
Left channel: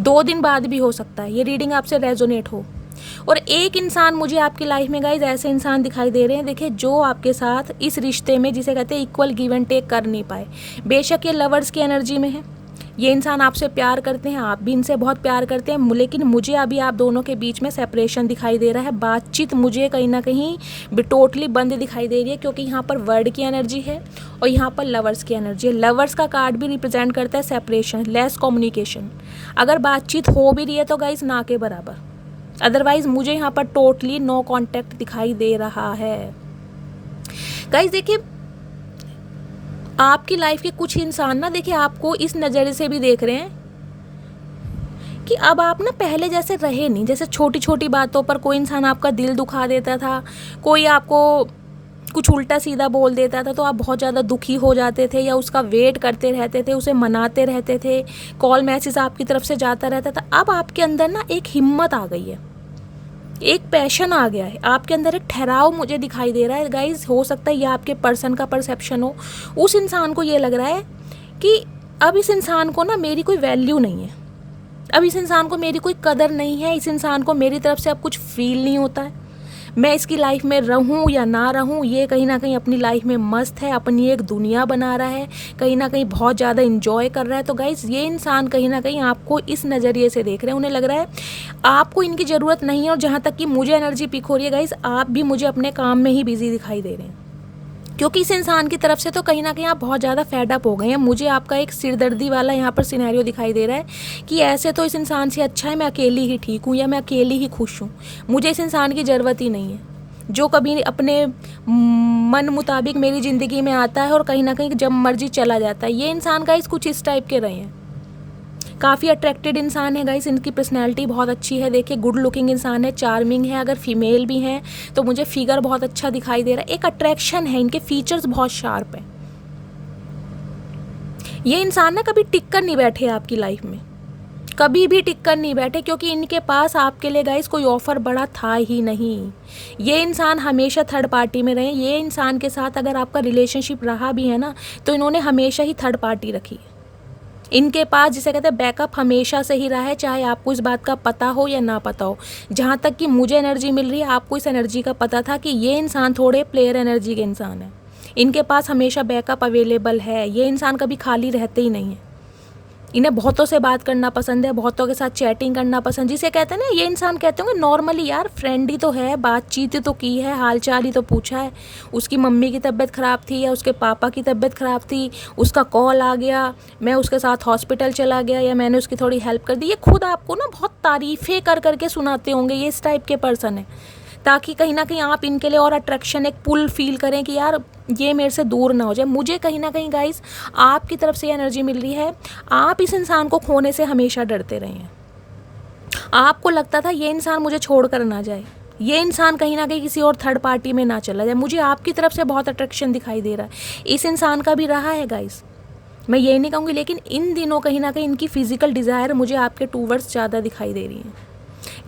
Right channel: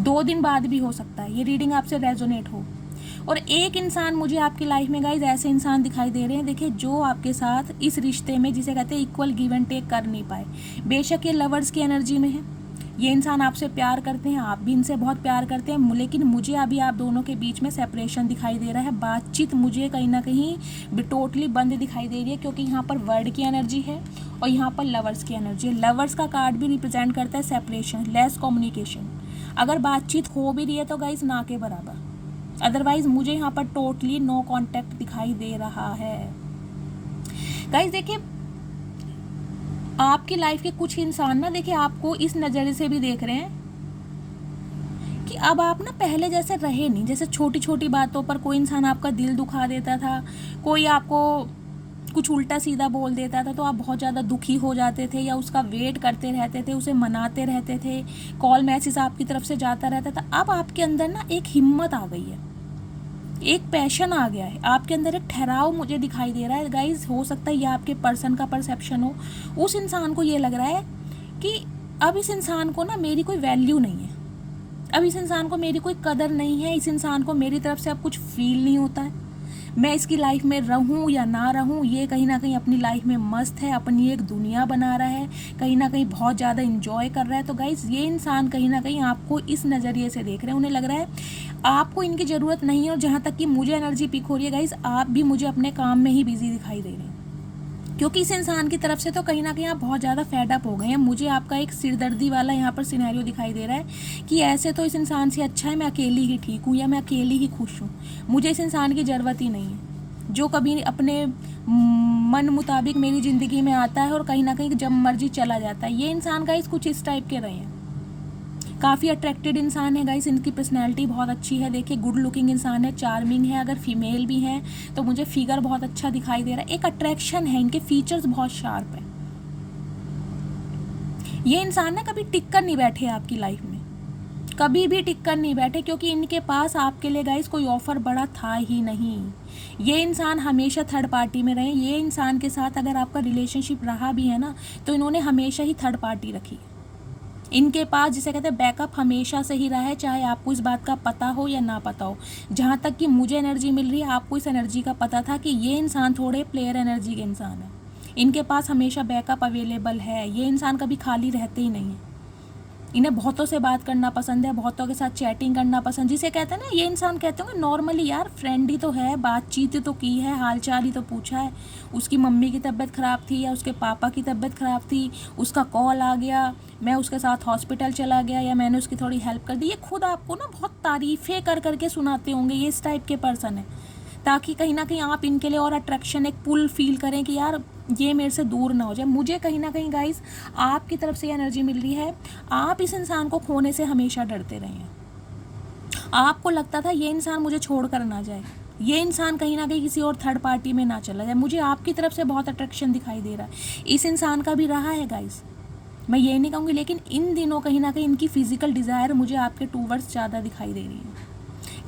2 दिन बाद भी हो सकता है ये रीडिंग आपसे रेजोनेट हो। और एक इंसान मुझे आपकी लाइफ में गाइज ऐसे इंसान दिखाई दे रहे हैं, देखिए, जो आपके साथ इस रिश्ते में, जिसे कहते हैं इक्वल गिव एंड टेक, कर नहीं पाए। बेशक ये लवर्स की एनर्जी में है, ये इंसान आपसे प्यार करते हैं, आप भी इनसे बहुत प्यार करते हैं, लेकिन मुझे अभी आप दोनों के बीच में सेपरेशन दिखाई दे रहा है। बातचीत मुझे कहीं ना कहीं टोटली बंद दिखाई दे रही है, क्योंकि यहाँ पर वर्ड की एनर्जी है और यहाँ पर लवर्स की एनर्जी है। लवर्स का कार्ड भी रिप्रेजेंट करता है सेपरेशन, लेस कम्युनिकेशन। अगर बातचीत हो भी रही है तो गाइज ना के बराबर, अदरवाइज मुझे यहाँ पर टोटली नो कॉन्टैक्ट दिखाई दे रहा है। गाइज देखिए, आपकी लाइफ के कुछ इंसान ना, देखिए, आपको इस नज़रिए से भी देख रहे हैं कि अब आप ना पहले जैसे रहे नहीं। जैसे छोटी छोटी बातों पर कोई इंसान आपका दिल दुखा देता था, कोई आपको कुछ उल्टा सीधा बोल देता था, तो आप बहुत ज़्यादा दुखी हो जाते थे या उसका वेट करते रहते थे, उसे मनाते रहते थे, कॉल मैसेज आपकी तरफ से जाता रहता था। अब आपके अंदर ना एक हिम्मत आ गई है, एक पैशन आ गया है आपके अंदर, एक ठहराव मुझे दिखाई दे रहा है। गाइज हो सकता है ये आपके पर्सन का परसेप्शन हो। उस इंसान को ये लग रहा है कि अब इस इंसान को ना मेरी कोई वैल्यू नहीं है, अब इस इंसान को मेरी कोई कदर नहीं है, इस इंसान को मेरी तरफ से अब कुछ फील नहीं होता है। मैं इसकी लाइफ में रहूं या ना रहूं, ये कहीं ना कहीं अपनी लाइफ में मस्त है, अपनी एक दुनिया बना रहा है, कहीं ना कहीं बहुत ज़्यादा इंजॉय कर रहा है। तो गाइज ये इंसान कहीं ना कहीं आपको इस नज़रिए से देख रहे हैं, उन्हें लग रहा है आपको इनकी ज़रूरत नहीं है। और जहाँ तक कि मुझे एनर्जी पिक हो रही है गाइज, आप भी मुझे अपने काम में ही बिजी दिखाई दे रहे हैं, क्योंकि इस इंसान की तरफ से तो कहीं ना कहीं आप बहुत ज़्यादा फेड अप हो गए हैं। मुझे आपका एक सिरदर्दी वाला यहाँ पर सिनेरियो दिखाई दे रहा है कि ऐसे तो इस इंसान से अच्छा है मैं अकेली ही ठीक हूँ, या मैं अकेली ही खुश हूँ, मुझे इस इंसान की ज़रूरत ही नहीं है, जो कभी अपने मन मुताबिक मेरी ज़िंदगी में आता है और कहीं ना कहीं जब मर्जी चला जाता है। ये इंसान गाइस कुछ इस टाइप के रहे हैं, काफ़ी अट्रैक्टेड इंसान है गाइस, इनकी पर्सनैलिटी बहुत अच्छी है। देखिए गुड लुकिंग इंसान है, चार्मिंग है, अगर फीमेल भी हैं तो मुझे फिगर बहुत अच्छा दिखाई दे रहा है, एक अट्रैक्शन है, इनके फीचर्स बहुत शार्प हैं। ये इंसान ना कभी टिक कर नहीं बैठे आपकी लाइफ में, कभी भी टिक कर नहीं बैठे, क्योंकि इनके पास आपके लिए गाइस कोई ऑफर बड़ा था ही नहीं। ये इंसान हमेशा थर्ड पार्टी में रहे। ये इंसान के साथ अगर आपका रिलेशनशिप रहा भी है ना, तो इन्होंने हमेशा ही थर्ड पार्टी रखी है। इनके पास जिसे कहते हैं बैकअप हमेशा से ही रहा है, चाहे आपको इस बात का पता हो या ना पता हो। जहाँ तक कि मुझे एनर्जी मिल रही है, आपको इस एनर्जी का पता था कि ये इंसान थोड़े प्लेयर एनर्जी के इंसान है, इनके पास हमेशा बैकअप अवेलेबल है। ये इंसान कभी खाली रहते ही नहीं है, इन्हें बहुतों से बात करना पसंद है, बहुतों के साथ चैटिंग करना पसंद, जिसे कहते हैं ना, ये इंसान कहते होंगे नॉर्मली यार फ्रेंड ही तो है, बातचीत तो की है, हालचाल ही तो पूछा है, उसकी मम्मी की तबीयत ख़राब थी या उसके पापा की तबीयत ख़राब थी, उसका कॉल आ गया, मैं उसके साथ हॉस्पिटल चला गया या मैंने उसकी थोड़ी हेल्प कर दी। ये खुद आपको ना बहुत तारीफ़ें कर करके सुनाते होंगे, ये इस टाइप के पर्सन है, ताकि कहीं ना कहीं आप इनके लिए और अट्रैक्शन, एक पुल फील करें कि यार ये मेरे से दूर ना हो जाए। मुझे कहीं ना कहीं गाइस आपकी तरफ से एनर्जी मिल रही है, आप इस इंसान को खोने से हमेशा डरते रहे हैं। आपको लगता था ये इंसान मुझे छोड़ कर ना जाए, ये इंसान कहीं ना कहीं किसी और थर्ड पार्टी में ना चला जाए। मुझे आपकी तरफ से बहुत अट्रैक्शन दिखाई दे रहा है, इस इंसान का भी रहा है गाइस, मैं ये नहीं कहूँगी, लेकिन इन दिनों कहीं ना कहीं इनकी फिजिकल डिज़ायर मुझे आपके टूवर्ड्स ज़्यादा दिखाई दे रही है।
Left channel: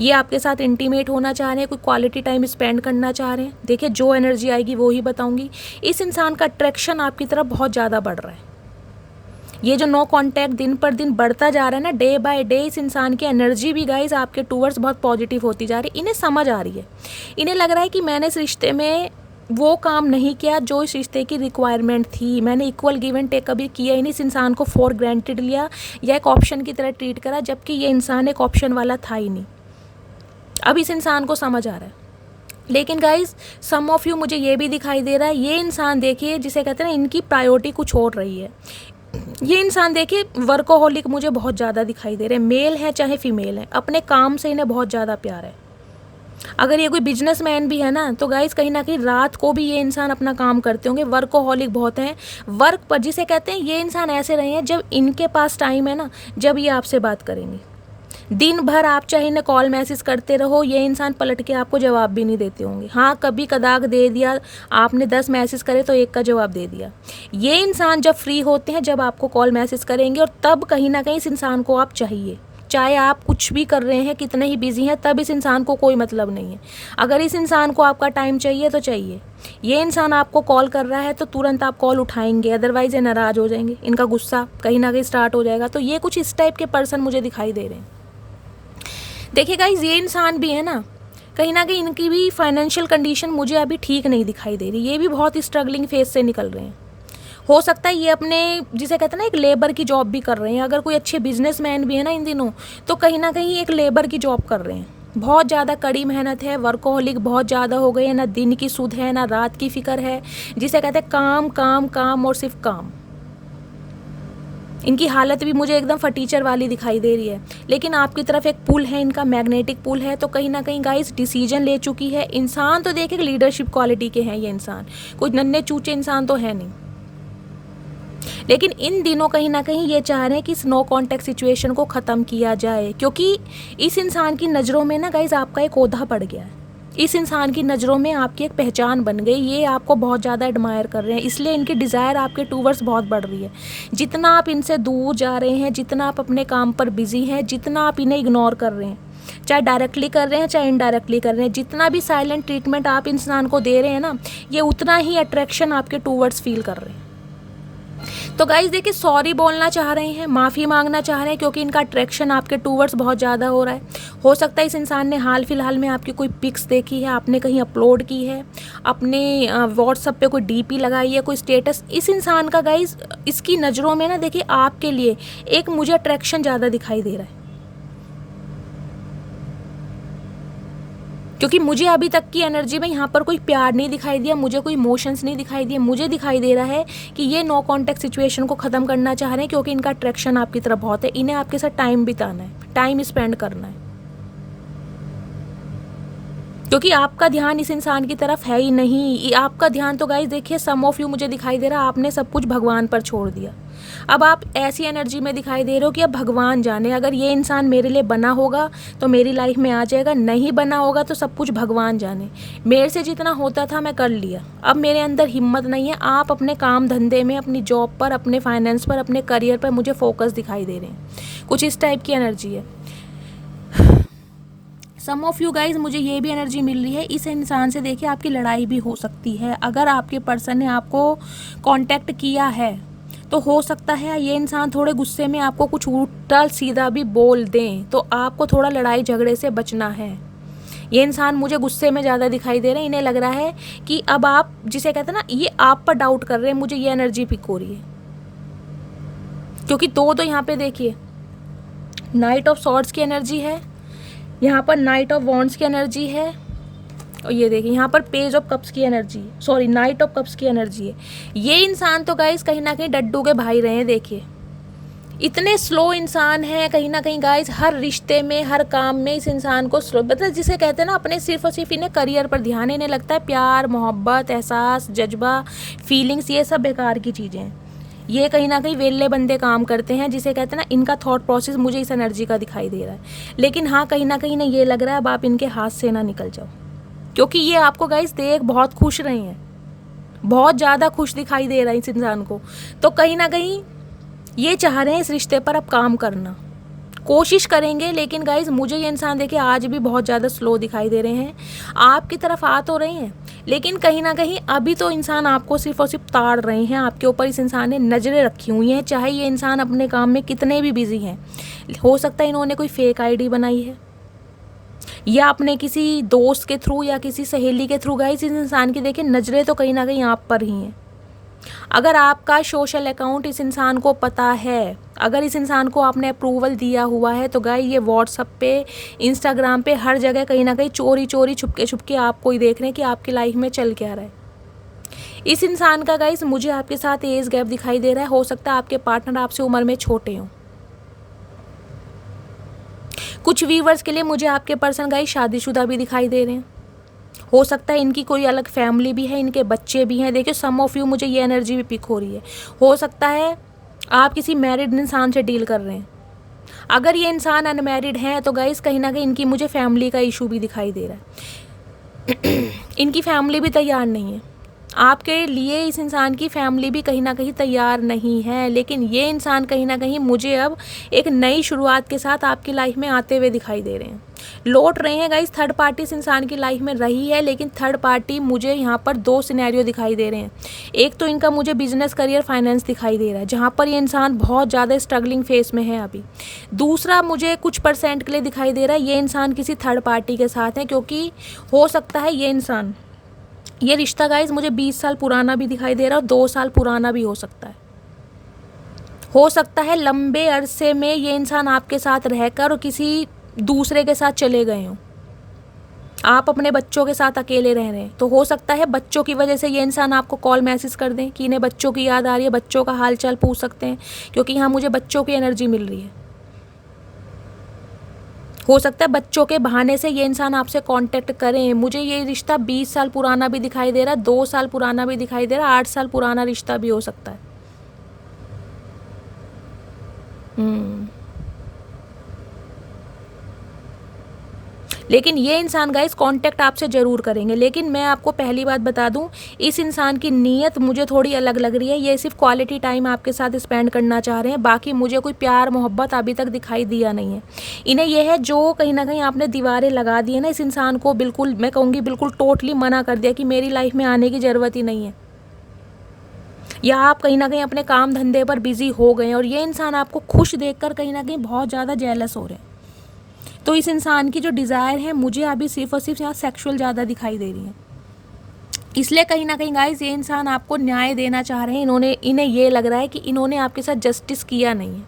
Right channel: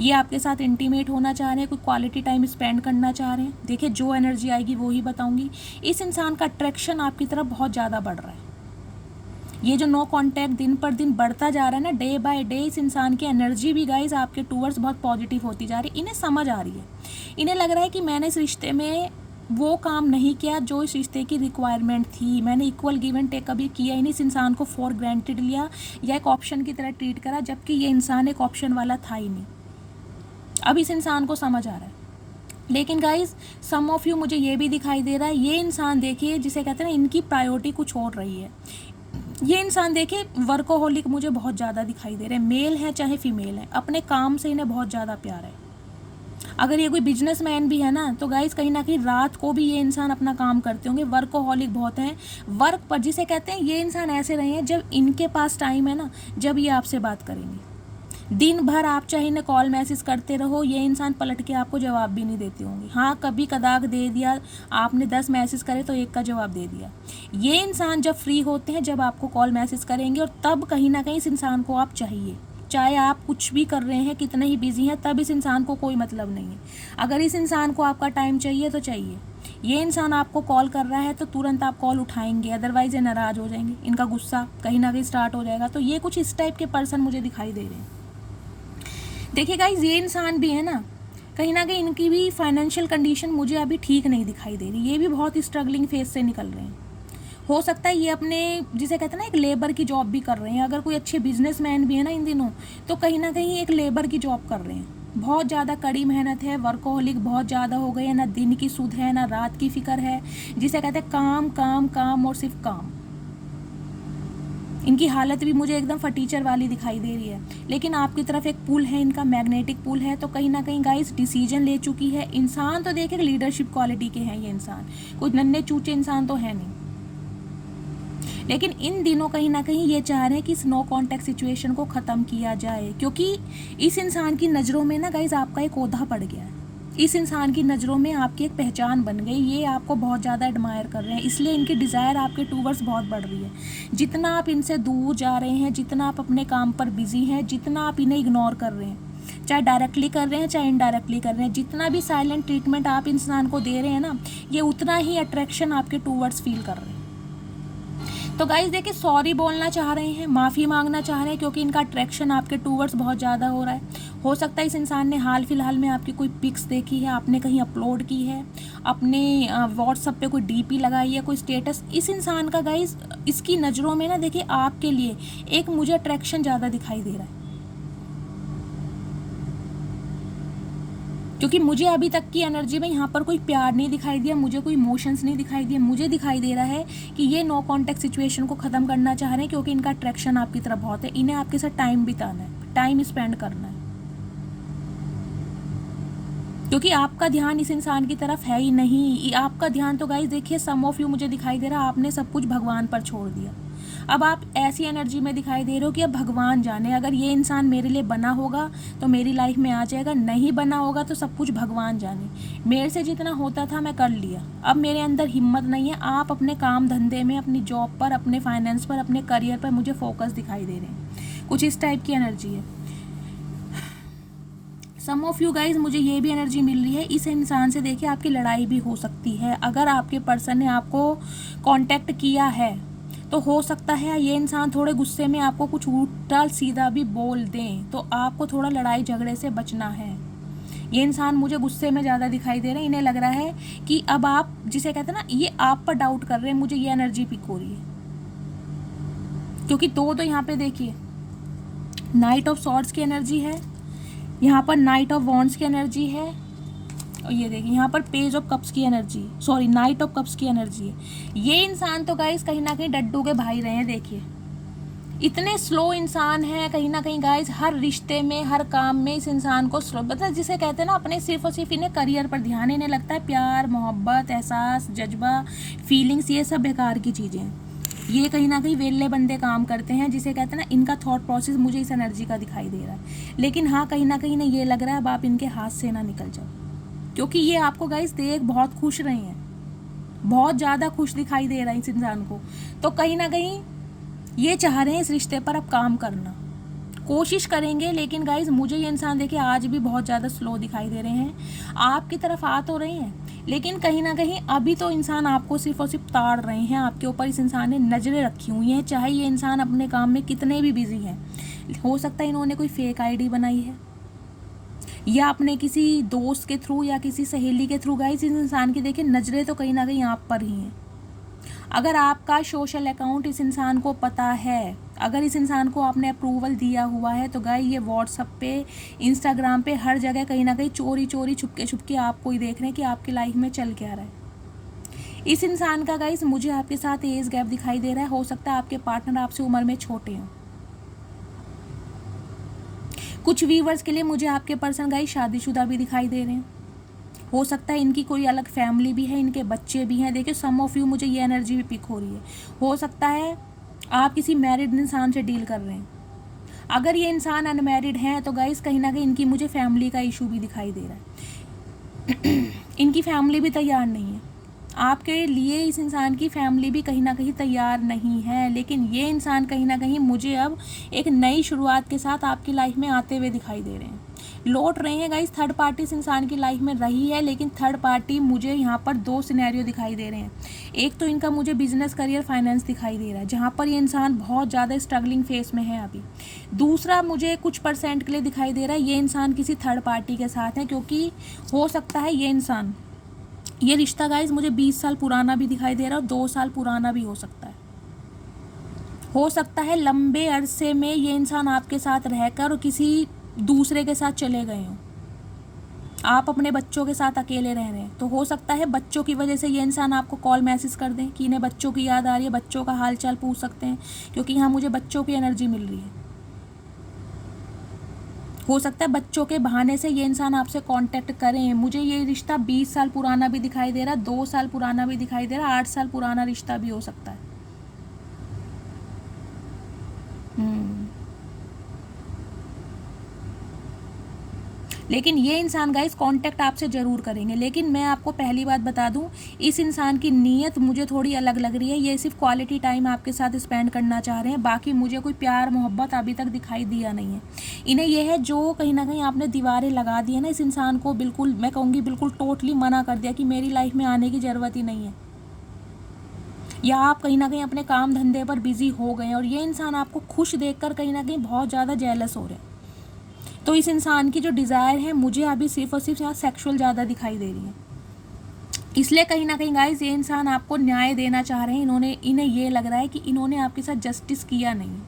ये आपके साथ इंटीमेट होना चाह रहे हैं, कोई क्वालिटी टाइम स्पेंड करना चाह रहे हैं। देखिए जो एनर्जी आएगी वो ही बताऊंगी। इस इंसान का अट्रैक्शन आपकी तरफ बहुत ज़्यादा बढ़ रहा है। ये जो नो कांटेक्ट दिन पर दिन बढ़ता जा रहा है ना, डे बाय डे, इस इंसान की एनर्जी भी गाइज आपके टूवर्ड्स बहुत पॉजिटिव होती जा रही है। इन्हें समझ आ रही है, इन्हें लग रहा है कि मैंने इस रिश्ते में वो काम नहीं किया जो इस रिश्ते की रिक्वायरमेंट थी, मैंने इक्वल गिव एंड टेक कभी किया ही नहीं, इस इंसान को फॉर ग्रांटेड लिया या एक ऑप्शन की तरह ट्रीट करा, जबकि ये इंसान एक ऑप्शन वाला था ही नहीं। अब इस इंसान को समझ आ रहा है। लेकिन गाइज सम ऑफ यू, मुझे ये भी दिखाई दे रहा है, ये इंसान देखिए जिसे कहते हैं ना, इनकी प्रायोरिटी कुछ और रही है। ये इंसान देखिए वर्कोहॉलिक मुझे बहुत ज़्यादा दिखाई दे रहे हैं, मेल है चाहे फीमेल है, अपने काम से इन्हें बहुत ज़्यादा प्यार है। अगर ये कोई बिजनेसमैन भी है ना, तो गाइस कहीं ना कहीं रात को भी ये इंसान अपना काम करते होंगे, वर्कोहॉलिक बहुत हैं। वर्क पर जिसे कहते हैं, ये इंसान ऐसे रहे हैं जब इनके पास टाइम है ना, जब ये आपसे बात करेंगे। दिन भर आप चाहे इन्हें कॉल मैसेज करते रहो, ये इंसान पलट के आपको जवाब भी नहीं देते होंगे। हाँ, कभी कदाक दे दिया, आपने 10 मैसेज करे तो एक का जवाब दे दिया। ये इंसान जब फ्री होते हैं, जब आपको कॉल मैसेज करेंगे, और तब कहीं ना कहीं इस इंसान को आप चाहिए। चाहे आप कुछ भी कर रहे हैं, कितने ही बिजी हैं, तब इस इंसान को कोई मतलब नहीं है। अगर इस इंसान को आपका टाइम चाहिए तो चाहिए। ये इंसान आपको कॉल कर रहा है तो तुरंत आप कॉल उठाएंगे, अदरवाइज ये नाराज़ हो जाएंगे, इनका गुस्सा कहीं ना कहीं स्टार्ट हो जाएगा। तो ये कुछ इस टाइप के पर्सन मुझे दिखाई दे रहे हैं। देखिए गाइज, ये इंसान भी है ना, कहीं ना कहीं इनकी भी फाइनेंशियल कंडीशन मुझे अभी ठीक नहीं दिखाई दे रही। ये भी बहुत स्ट्रगलिंग फेज से निकल रहे हैं। हो सकता है ये अपने, जिसे कहते हैं ना, एक लेबर की जॉब भी कर रहे हैं। अगर कोई अच्छे बिजनेसमैन भी है ना इन दिनों, तो कहीं ना कहीं एक लेबर की जॉब कर रहे हैं। बहुत ज़्यादा कड़ी मेहनत है, वर्कोहॉलिक बहुत ज़्यादा हो गए हैं, ना दिन की सुध है ना रात की फिक्र है। जिसे कहते हैं काम काम काम और सिर्फ काम। इनकी हालत भी मुझे एकदम फटीचर वाली दिखाई दे रही है। लेकिन आपकी तरफ एक पुल है, इनका मैग्नेटिक पुल है। तो कहीं ना कहीं गाइस डिसीजन ले चुकी है। इंसान तो देखे लीडरशिप क्वालिटी के हैं ये इंसान, कोई नन्हे चूचे इंसान तो है नहीं। लेकिन इन दिनों कहीं ना कहीं ये चाह रहे हैं कि इस नो कॉन्टैक्ट सिचुएशन को ख़त्म किया जाए, क्योंकि इस इंसान की नज़रों में ना गाइस आपका एक ओहदा पड़ गया है। इस इंसान की नज़रों में आपकी एक पहचान बन गई। ये आपको बहुत ज़्यादा एडमायर कर रहे हैं, इसलिए इनकी डिज़ायर आपके टूवर्ड्स बहुत बढ़ रही है। जितना आप इनसे दूर जा रहे हैं, जितना आप अपने काम पर बिजी हैं, जितना आप इन्हें इग्नोर कर रहे हैं, चाहे डायरेक्टली कर रहे हैं चाहे इनडायरेक्टली कर रहे हैं, जितना भी साइलेंट ट्रीटमेंट आप इंसान को दे रहे हैं ना, ये उतना ही अट्रैक्शन आपके टूवर्ड्स फील कर रहे हैं। तो गाइज देखिए, सॉरी बोलना चाह रहे हैं, माफ़ी मांगना चाह रहे हैं, क्योंकि इनका अट्रैक्शन आपके टूवर्ड्स बहुत ज़्यादा हो रहा है। हो सकता है इस इंसान ने हाल फिलहाल में आपकी कोई पिक्स देखी है, आपने कहीं अपलोड की है, अपने व्हाट्सएप पे कोई डीपी लगाई है, कोई स्टेटस। इस इंसान का गाइज, इसकी नज़रों में ना देखिए आपके लिए एक मुझे अट्रैक्शन ज़्यादा दिखाई दे रहा है। क्योंकि मुझे अभी तक की एनर्जी में यहाँ पर कोई प्यार नहीं दिखाई दिया, मुझे कोई इमोशंस नहीं दिखाई दिए। मुझे दिखाई दे रहा है कि ये नो कॉन्टैक्ट सिचुएशन को ख़त्म करना चाह रहे हैं, क्योंकि इनका अट्रैक्शन आपकी तरफ बहुत है। इन्हें आपके साथ टाइम बिताना है, टाइम स्पेंड करना है, क्योंकि आपका ध्यान इस इंसान की तरफ है ही नहीं। आपका ध्यान तो गाइस देखिए, सम ऑफ यू मुझे दिखाई दे रहा है आपने सब कुछ भगवान पर छोड़ दिया। अब आप ऐसी एनर्जी में दिखाई दे रहे हो कि अब भगवान जाने, अगर ये इंसान मेरे लिए बना होगा तो मेरी लाइफ में आ जाएगा, नहीं बना होगा तो सब कुछ भगवान जाने। मेरे से जितना होता था मैं कर लिया, अब मेरे अंदर हिम्मत नहीं है। आप अपने काम धंधे में, अपनी जॉब पर, अपने फाइनेंस पर, अपने करियर पर मुझे फोकस दिखाई दे रहे हैं। कुछ इस टाइप की एनर्जी है। सम ऑफ यू गाइज, मुझे ये भी एनर्जी मिल रही है, इस इंसान से देखिए आपकी लड़ाई भी हो सकती है। अगर आपके पर्सन ने आपको कांटेक्ट किया है तो हो सकता है ये इंसान थोड़े गुस्से में आपको कुछ उल्टा सीधा भी बोल दें, तो आपको थोड़ा लड़ाई झगड़े से बचना है। ये इंसान मुझे गुस्से में ज़्यादा दिखाई दे रहे हैं। इन्हें लग रहा है कि अब आप, जिसे कहते हैं ना, ये आप पर डाउट कर रहे हैं। मुझे ये एनर्जी पिक हो रही है, क्योंकि दो तो यहाँ पे देखिए नाइट ऑफ सॉर्ड्स की एनर्जी है, यहाँ पर नाइट ऑफ वॉन्ड्स की एनर्जी है, और ये देखिए यहाँ पर पेज ऑफ कप्स की energy, sorry night of cups की एनर्जी है। ये इंसान तो गाइस कहीं ना कहीं डड्डू के भाई रहे हैं। देखिए इतने स्लो इंसान है कहीं ना कहीं गाइस, हर रिश्ते में, हर काम में इस इंसान को स्लो, मतलब जिसे कहते हैं ना, अपने सिर्फ और सिर्फ इन्हें करियर पर ध्यान। इन्हें लगता है प्यार, मोहब्बत, एहसास, जज्बा, फीलिंग्स, ये सब बेकार की चीज़ें हैं। ये कहीं ना कहीं वेले बंदे काम करते हैं, जिसे कहते हैं ना, इनका थॉट प्रोसेस मुझे इस एनर्जी का दिखाई दे रहा है। लेकिन हाँ, कहीं ना कहीं ये लग रहा है अब आप इनके हाथ से ना निकल जाओ, क्योंकि ये आपको गाइस देख बहुत खुश रहे हैं, बहुत ज़्यादा खुश दिखाई दे रहा है इस इंसान को। तो कहीं ना कहीं ये चाह रहे हैं इस रिश्ते पर अब काम करना, कोशिश करेंगे। लेकिन गाइज मुझे ये इंसान देखिए आज भी बहुत ज़्यादा स्लो दिखाई दे रहे हैं। आपकी तरफ आ तो रहे हैं, लेकिन कहीं ना कहीं अभी तो इंसान आपको सिर्फ और सिर्फ ताड़ रहे हैं। आपके ऊपर इस इंसान ने नज़रें रखी हुई हैं, चाहे ये इंसान अपने काम में कितने भी बिजी हैं। हो सकता है इन्होंने कोई फेक आईडी बनाई है, या अपने किसी दोस्त के थ्रू या किसी सहेली के थ्रू। गाइस इस इंसान की देखिए नज़रें तो कहीं ना कहीं आप पर ही हैं। अगर आपका सोशल अकाउंट इस इंसान को पता है, अगर इस इंसान को आपने अप्रूवल दिया हुआ है, तो गाइस ये व्हाट्सएप पे, इंस्टाग्राम पे, हर जगह कहीं ना कहीं चोरी चोरी छुपके छुपके आपको ही देख रहे हैं कि आपकी लाइफ में चल क्या रहा है। इस इंसान का गाइस मुझे आपके साथ एज गैप दिखाई दे रहा है। हो सकता है आपके पार्टनर आपसे उम्र में छोटे हों। कुछ व्यूवर्स के लिए मुझे आपके पर्सन गाइस शादीशुदा भी दिखाई दे रहे हैं। हो सकता है इनकी कोई अलग फैमिली भी है, इनके बच्चे भी हैं। देखिए सम ऑफ यू मुझे ये एनर्जी भी पिक हो रही है। हो सकता है आप किसी मैरिड इंसान से डील कर रहे हैं। अगर ये इंसान अनमैरिड हैं तो गाइस कहीं ना कहीं इनकी मुझे फैमिली का इशू भी दिखाई दे रहा है। इनकी फैमिली भी तैयार नहीं है आपके लिए। इस इंसान की फैमिली भी कहीं ना कहीं तैयार नहीं है, लेकिन ये इंसान कहीं ना कहीं मुझे अब एक नई शुरुआत के साथ आपकी लाइफ में आते हुए दिखाई दे रहे हैं, लौट रहे हैं गाइस। थर्ड पार्टी इस इंसान की लाइफ में रही है, लेकिन थर्ड पार्टी मुझे यहाँ पर 2 सिनेरियो दिखाई दे रहे हैं। एक तो इनका मुझे बिजनेस, करियर, फाइनेंस दिखाई दे रहा है, जहाँ पर ये इंसान बहुत ज़्यादा स्ट्रगलिंग फेस में है अभी। दूसरा मुझे कुछ % के लिए दिखाई दे रहा है ये इंसान किसी थर्ड पार्टी के साथ है, क्योंकि हो सकता है ये इंसान, ये रिश्ता गाइस मुझे 20 साल पुराना भी दिखाई दे रहा है और 2 साल पुराना भी हो सकता है। हो सकता है लंबे अरसे में ये इंसान आपके साथ रहकर और किसी दूसरे के साथ चले गए हों। आप अपने बच्चों के साथ अकेले रह रहे हैं, तो हो सकता है बच्चों की वजह से ये इंसान आपको कॉल मैसेज कर दें कि इन्हें बच्चों की याद आ रही है, बच्चों का हाल चाल पूछ सकते हैं, क्योंकि यहाँ मुझे बच्चों की एनर्जी मिल रही है। हो सकता है बच्चों के बहाने से ये इंसान आपसे कांटेक्ट करें। मुझे ये रिश्ता 20 साल पुराना भी दिखाई दे रहा है, 2 साल पुराना भी दिखाई दे रहा है, 8 साल पुराना रिश्ता भी हो सकता है। लेकिन ये इंसान गाइस कांटेक्ट आपसे ज़रूर करेंगे। लेकिन मैं आपको पहली बात बता दूं, इस इंसान की नीयत मुझे थोड़ी अलग लग रही है। ये सिर्फ क्वालिटी टाइम आपके साथ स्पेंड करना चाह रहे हैं, बाकी मुझे कोई प्यार मोहब्बत अभी तक दिखाई दिया नहीं है। इन्हें यह है जो कहीं ना कहीं आपने दीवारें लगा दी है ना, इस इंसान को बिल्कुल, मैं कहूँगी बिल्कुल टोटली मना कर दिया कि मेरी लाइफ में आने की ज़रूरत ही नहीं है, या आप कहीं ना कहीं अपने काम धंधे पर बिजी हो गए और ये इंसान आपको खुश देखकर कहीं ना कहीं बहुत ज़्यादा जेलस हो रहे हैं। तो इस इंसान की जो डिज़ायर है मुझे अभी सिर्फ और सिर्फ यहाँ सेक्सुअल ज़्यादा दिखाई दे रही है। इसलिए कहीं ना कहीं गाइस ये इंसान आपको न्याय देना चाह रहे हैं। इन्हें ये लग रहा है कि इन्होंने आपके साथ जस्टिस किया नहीं है,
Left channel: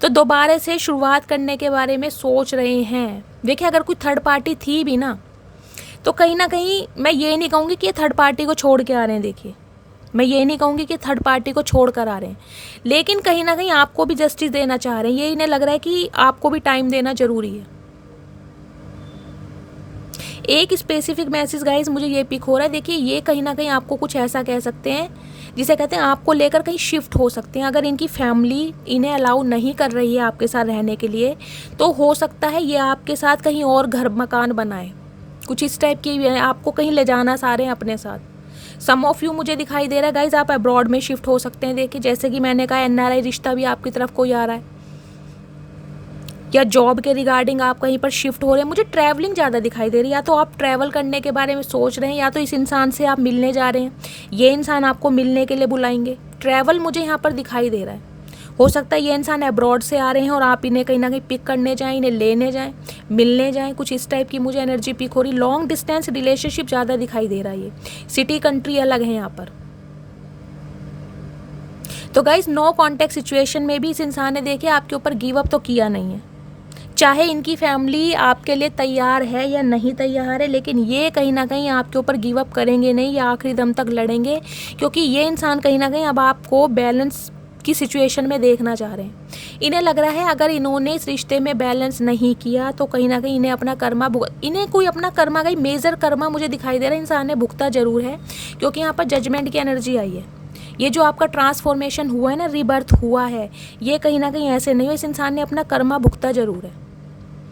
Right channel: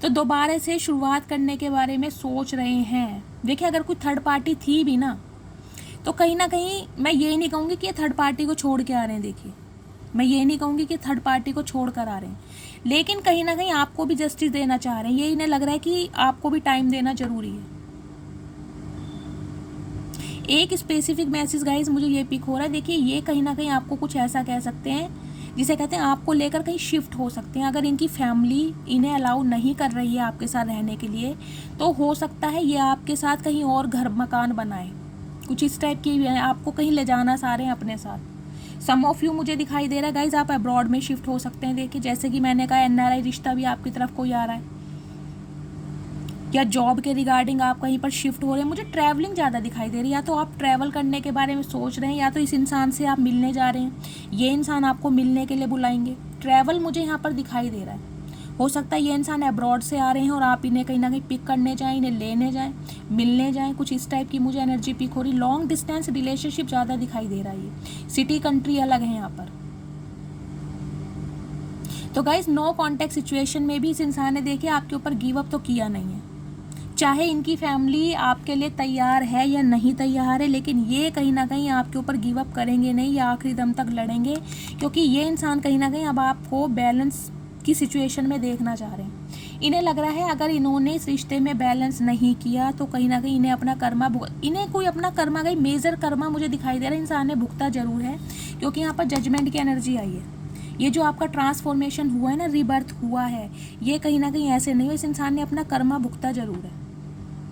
तो दोबारा से शुरुआत करने के बारे में सोच रहे हैं। देखिए अगर कोई थर्ड पार्टी थी भी ना, तो कहीं ना कहीं मैं ये नहीं कहूँगी कि ये थर्ड पार्टी को छोड़ के आ रहे हैं। देखिए मैं ये नहीं कहूँगी कि थर्ड पार्टी को छोड़ कर आ रहे हैं, लेकिन कहीं ना कहीं आपको भी जस्टिस देना चाह रहे हैं। ये इन्हें लग रहा है कि आपको भी टाइम देना ज़रूरी है। एक स्पेसिफिक मैसेज गाइस मुझे ये पिक हो रहा है। देखिए ये कहीं ना कहीं आपको कुछ ऐसा कह सकते हैं जिसे कहते हैं आपको लेकर कहीं शिफ्ट हो सकते हैं। अगर इनकी फैमिली इन्हें अलाउ नहीं कर रही है आपके साथ रहने के लिए, तो हो सकता है ये आपके साथ कहीं और घर मकान बनाए, कुछ इस टाइप की आपको कहीं ले जाना चाह रहे हैं अपने साथ। सम ऑफ यू मुझे दिखाई दे रहा है गाइज आप अब्रॉड में शिफ्ट हो सकते हैं। देखिए जैसे कि मैंने कहा NRI रिश्ता भी आपकी तरफ कोई आ रहा है, या जॉब के रिगार्डिंग आप कहीं पर शिफ्ट हो रहे हैं। मुझे ट्रैवलिंग ज़्यादा दिखाई दे रही है, या तो आप ट्रैवल करने के बारे में सोच रहे हैं, या तो इस इंसान से आप मिलने जा रहे हैं, ये इंसान आपको मिलने के लिए बुलाएंगे। ट्रैवल मुझे यहाँ पर दिखाई दे रहा है। हो सकता है ये इंसान अब्रॉड से आ रहे हैं और आप इन्हें कहीं ना कहीं पिक करने जाएं, इन्हें लेने जाएं, मिलने जाएं, कुछ इस टाइप की मुझे एनर्जी पिक हो रही। लॉन्ग डिस्टेंस रिलेशनशिप ज़्यादा दिखाई दे रहा है। ये सिटी कंट्री अलग है यहाँ पर। तो गाइज नो कॉन्टेक्ट सिचुएशन में भी इस इंसान ने देखिए आपके ऊपर गिव अप तो किया नहीं है। चाहे इनकी फैमिली आपके लिए तैयार है या नहीं तैयार है, लेकिन ये कहीं ना कहीं आपके ऊपर गिव अप करेंगे नहीं, या आखिरी दम तक लड़ेंगे, क्योंकि ये इंसान कहीं ना कहीं अब आपको बैलेंस की सिचुएशन में देखना चाह रहे हैं। इन्हें लग रहा है अगर इन्होंने इस रिश्ते में बैलेंस नहीं किया तो कहीं ना कहीं इन्हें अपना कर्मा इन्हें कोई अपना कर्मा का मेजर कर्मा मुझे दिखाई दे रहा है इंसान ने भुगता जरूर है, क्योंकि यहाँ पर जजमेंट की एनर्जी आई है। ये जो आपका ट्रांसफॉर्मेशन हुआ है ना, रीबर्थ हुआ है, ये कहीं ना कहीं ऐसे नहीं हो, इस इंसान ने अपना कर्मा भुगता जरूर है।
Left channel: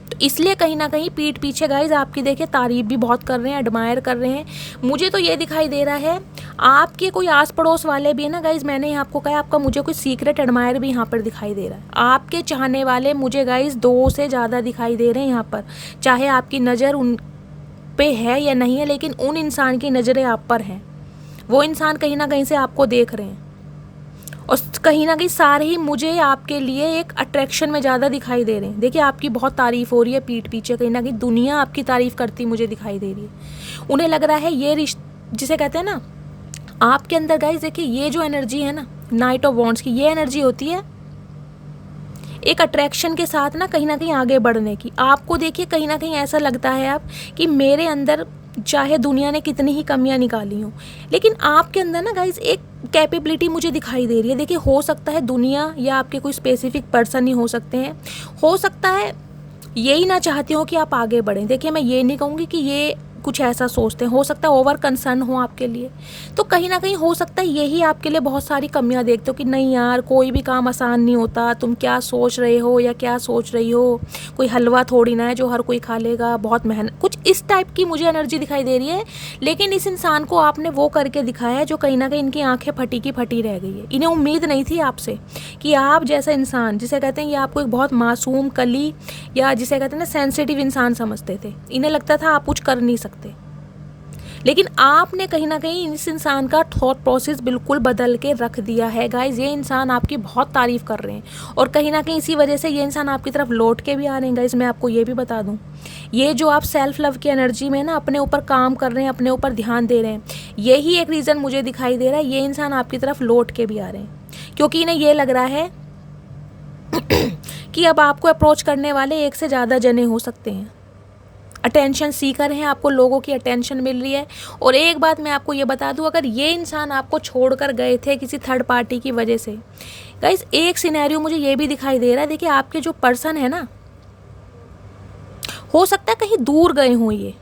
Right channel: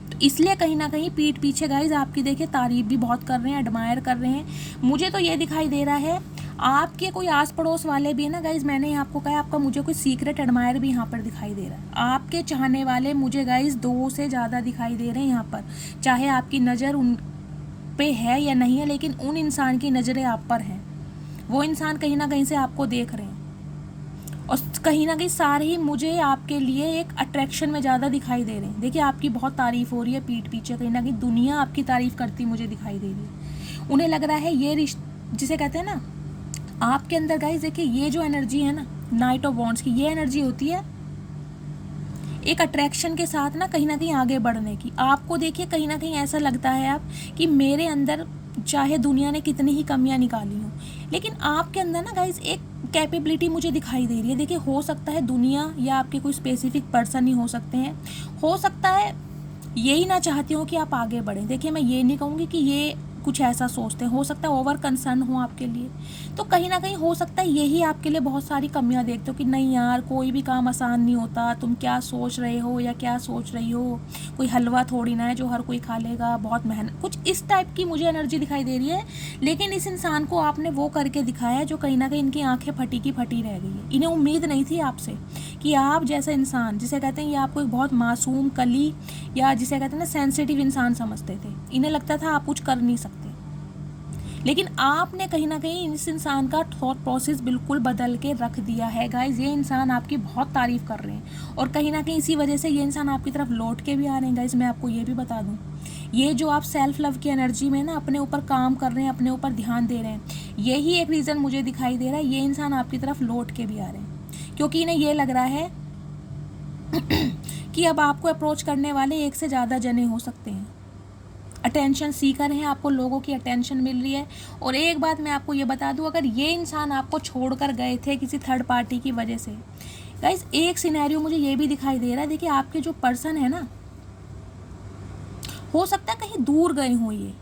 तो इसलिए कहीं ना कहीं पीठ पीछे गाइज आपकी देखिए तारीफ भी बहुत कर रहे हैं, एडमायर कर रहे हैं। मुझे तो ये दिखाई दे रहा है आपके कोई आस पड़ोस वाले भी है ना गाइज, मैंने आपको कहा आपका मुझे कोई सीक्रेट एडमायर भी यहाँ पर दिखाई दे रहा है। आपके चाहने वाले मुझे गाइज 2 से ज़्यादा दिखाई दे रहे हैं यहाँ पर। चाहे आपकी नज़र उन पे है या नहीं है, लेकिन उन इंसान की नज़रें आप पर हैं। वो इंसान कहीं ना कहीं से आपको देख रहे हैं, और कहीं ना कहीं सारे ही मुझे आपके लिए एक अट्रैक्शन में ज़्यादा दिखाई दे रहे हैं। देखिए आपकी बहुत तारीफ़ हो रही है पीठ पीछे, कहीं ना कहीं दुनिया आपकी तारीफ़ करती मुझे दिखाई दे रही है। उन्हें लग रहा है ये रिश्ता जिसे कहते हैं ना आपके अंदर गाइस, देखिए ये जो एनर्जी है ना नाइट ऑफ वॉन्ड्स की, ये एनर्जी होती है एक अट्रैक्शन के साथ ना कहीं आगे बढ़ने की। आपको देखिए कहीं ना कहीं ऐसा लगता है आप कि मेरे अंदर चाहे दुनिया ने कितनी ही कमियां निकाली हों, लेकिन आपके अंदर ना गाइस एक कैपेबिलिटी मुझे दिखाई दे रही है। देखिए हो सकता है दुनिया या आपके कोई स्पेसिफिक पर्सन ही हो सकते हैं, हो सकता है यही ना चाहती हूँ कि आप आगे बढ़ें। देखिए, मैं ये नहीं कहूँगी कि ये कुछ ऐसा सोचते हैं, हो सकता है ओवर कंसर्न हो आपके लिए, तो कहीं ना कहीं हो सकता है यही आपके लिए बहुत सारी कमियां देखते हो कि नहीं यार, कोई भी काम आसान नहीं होता, तुम क्या सोच रहे हो या क्या सोच रही हो, कोई हलवा थोड़ी ना है जो हर कोई खा लेगा, बहुत मेहनत, कुछ इस टाइप की मुझे एनर्जी दिखाई दे रही है। लेकिन इस इंसान को आपने वो करके दिखाया है जो कहीं ना कहीं इनकी आंखें फटी की फटी रह गई है। इन्हें उम्मीद नहीं थी आपसे कि आप जैसा इंसान, जिसे कहते हैं ये आपको एक बहुत मासूम कली या जिसे कहते हैं ना सेंसिटिव इंसान समझते थे। इन्हें लगता था आप कुछ कर नहीं सकते, लेकिन आपने कहीं ना कहीं इस इंसान का थॉट प्रोसेस बिल्कुल बदल के रख दिया है गाइज। ये इंसान आपकी बहुत तारीफ कर रहे हैं और कहीं ना कहीं इसी वजह से ये इंसान आपकी तरफ लौट के भी आ रहे हैं गाइज। मैं आपको ये भी बता दूं, ये जो आप सेल्फ लव की एनर्जी में ना अपने ऊपर काम कर रहे हैं, अपने ऊपर ध्यान दे रहे हैं, यही एक रीज़न मुझे दिखाई दे रहा है ये इंसान आपकी तरफ लौट के भी आ रहे हैं, क्योंकि इन्हें ये लग रहा है कि अब आपको अप्रोच करने वाले एक से ज़्यादा जने हो सकते हैं। अटेंशन सीकर हैं, आपको लोगों की अटेंशन मिल रही है। और एक बात मैं आपको ये बता दूं, अगर ये इंसान आपको छोड़कर गए थे किसी थर्ड पार्टी की वजह से, गाइस एक सिनेरियो मुझे ये भी दिखाई दे रहा है। देखिए, आपके जो पर्सन है ना, हो सकता है कहीं दूर गए हों। ये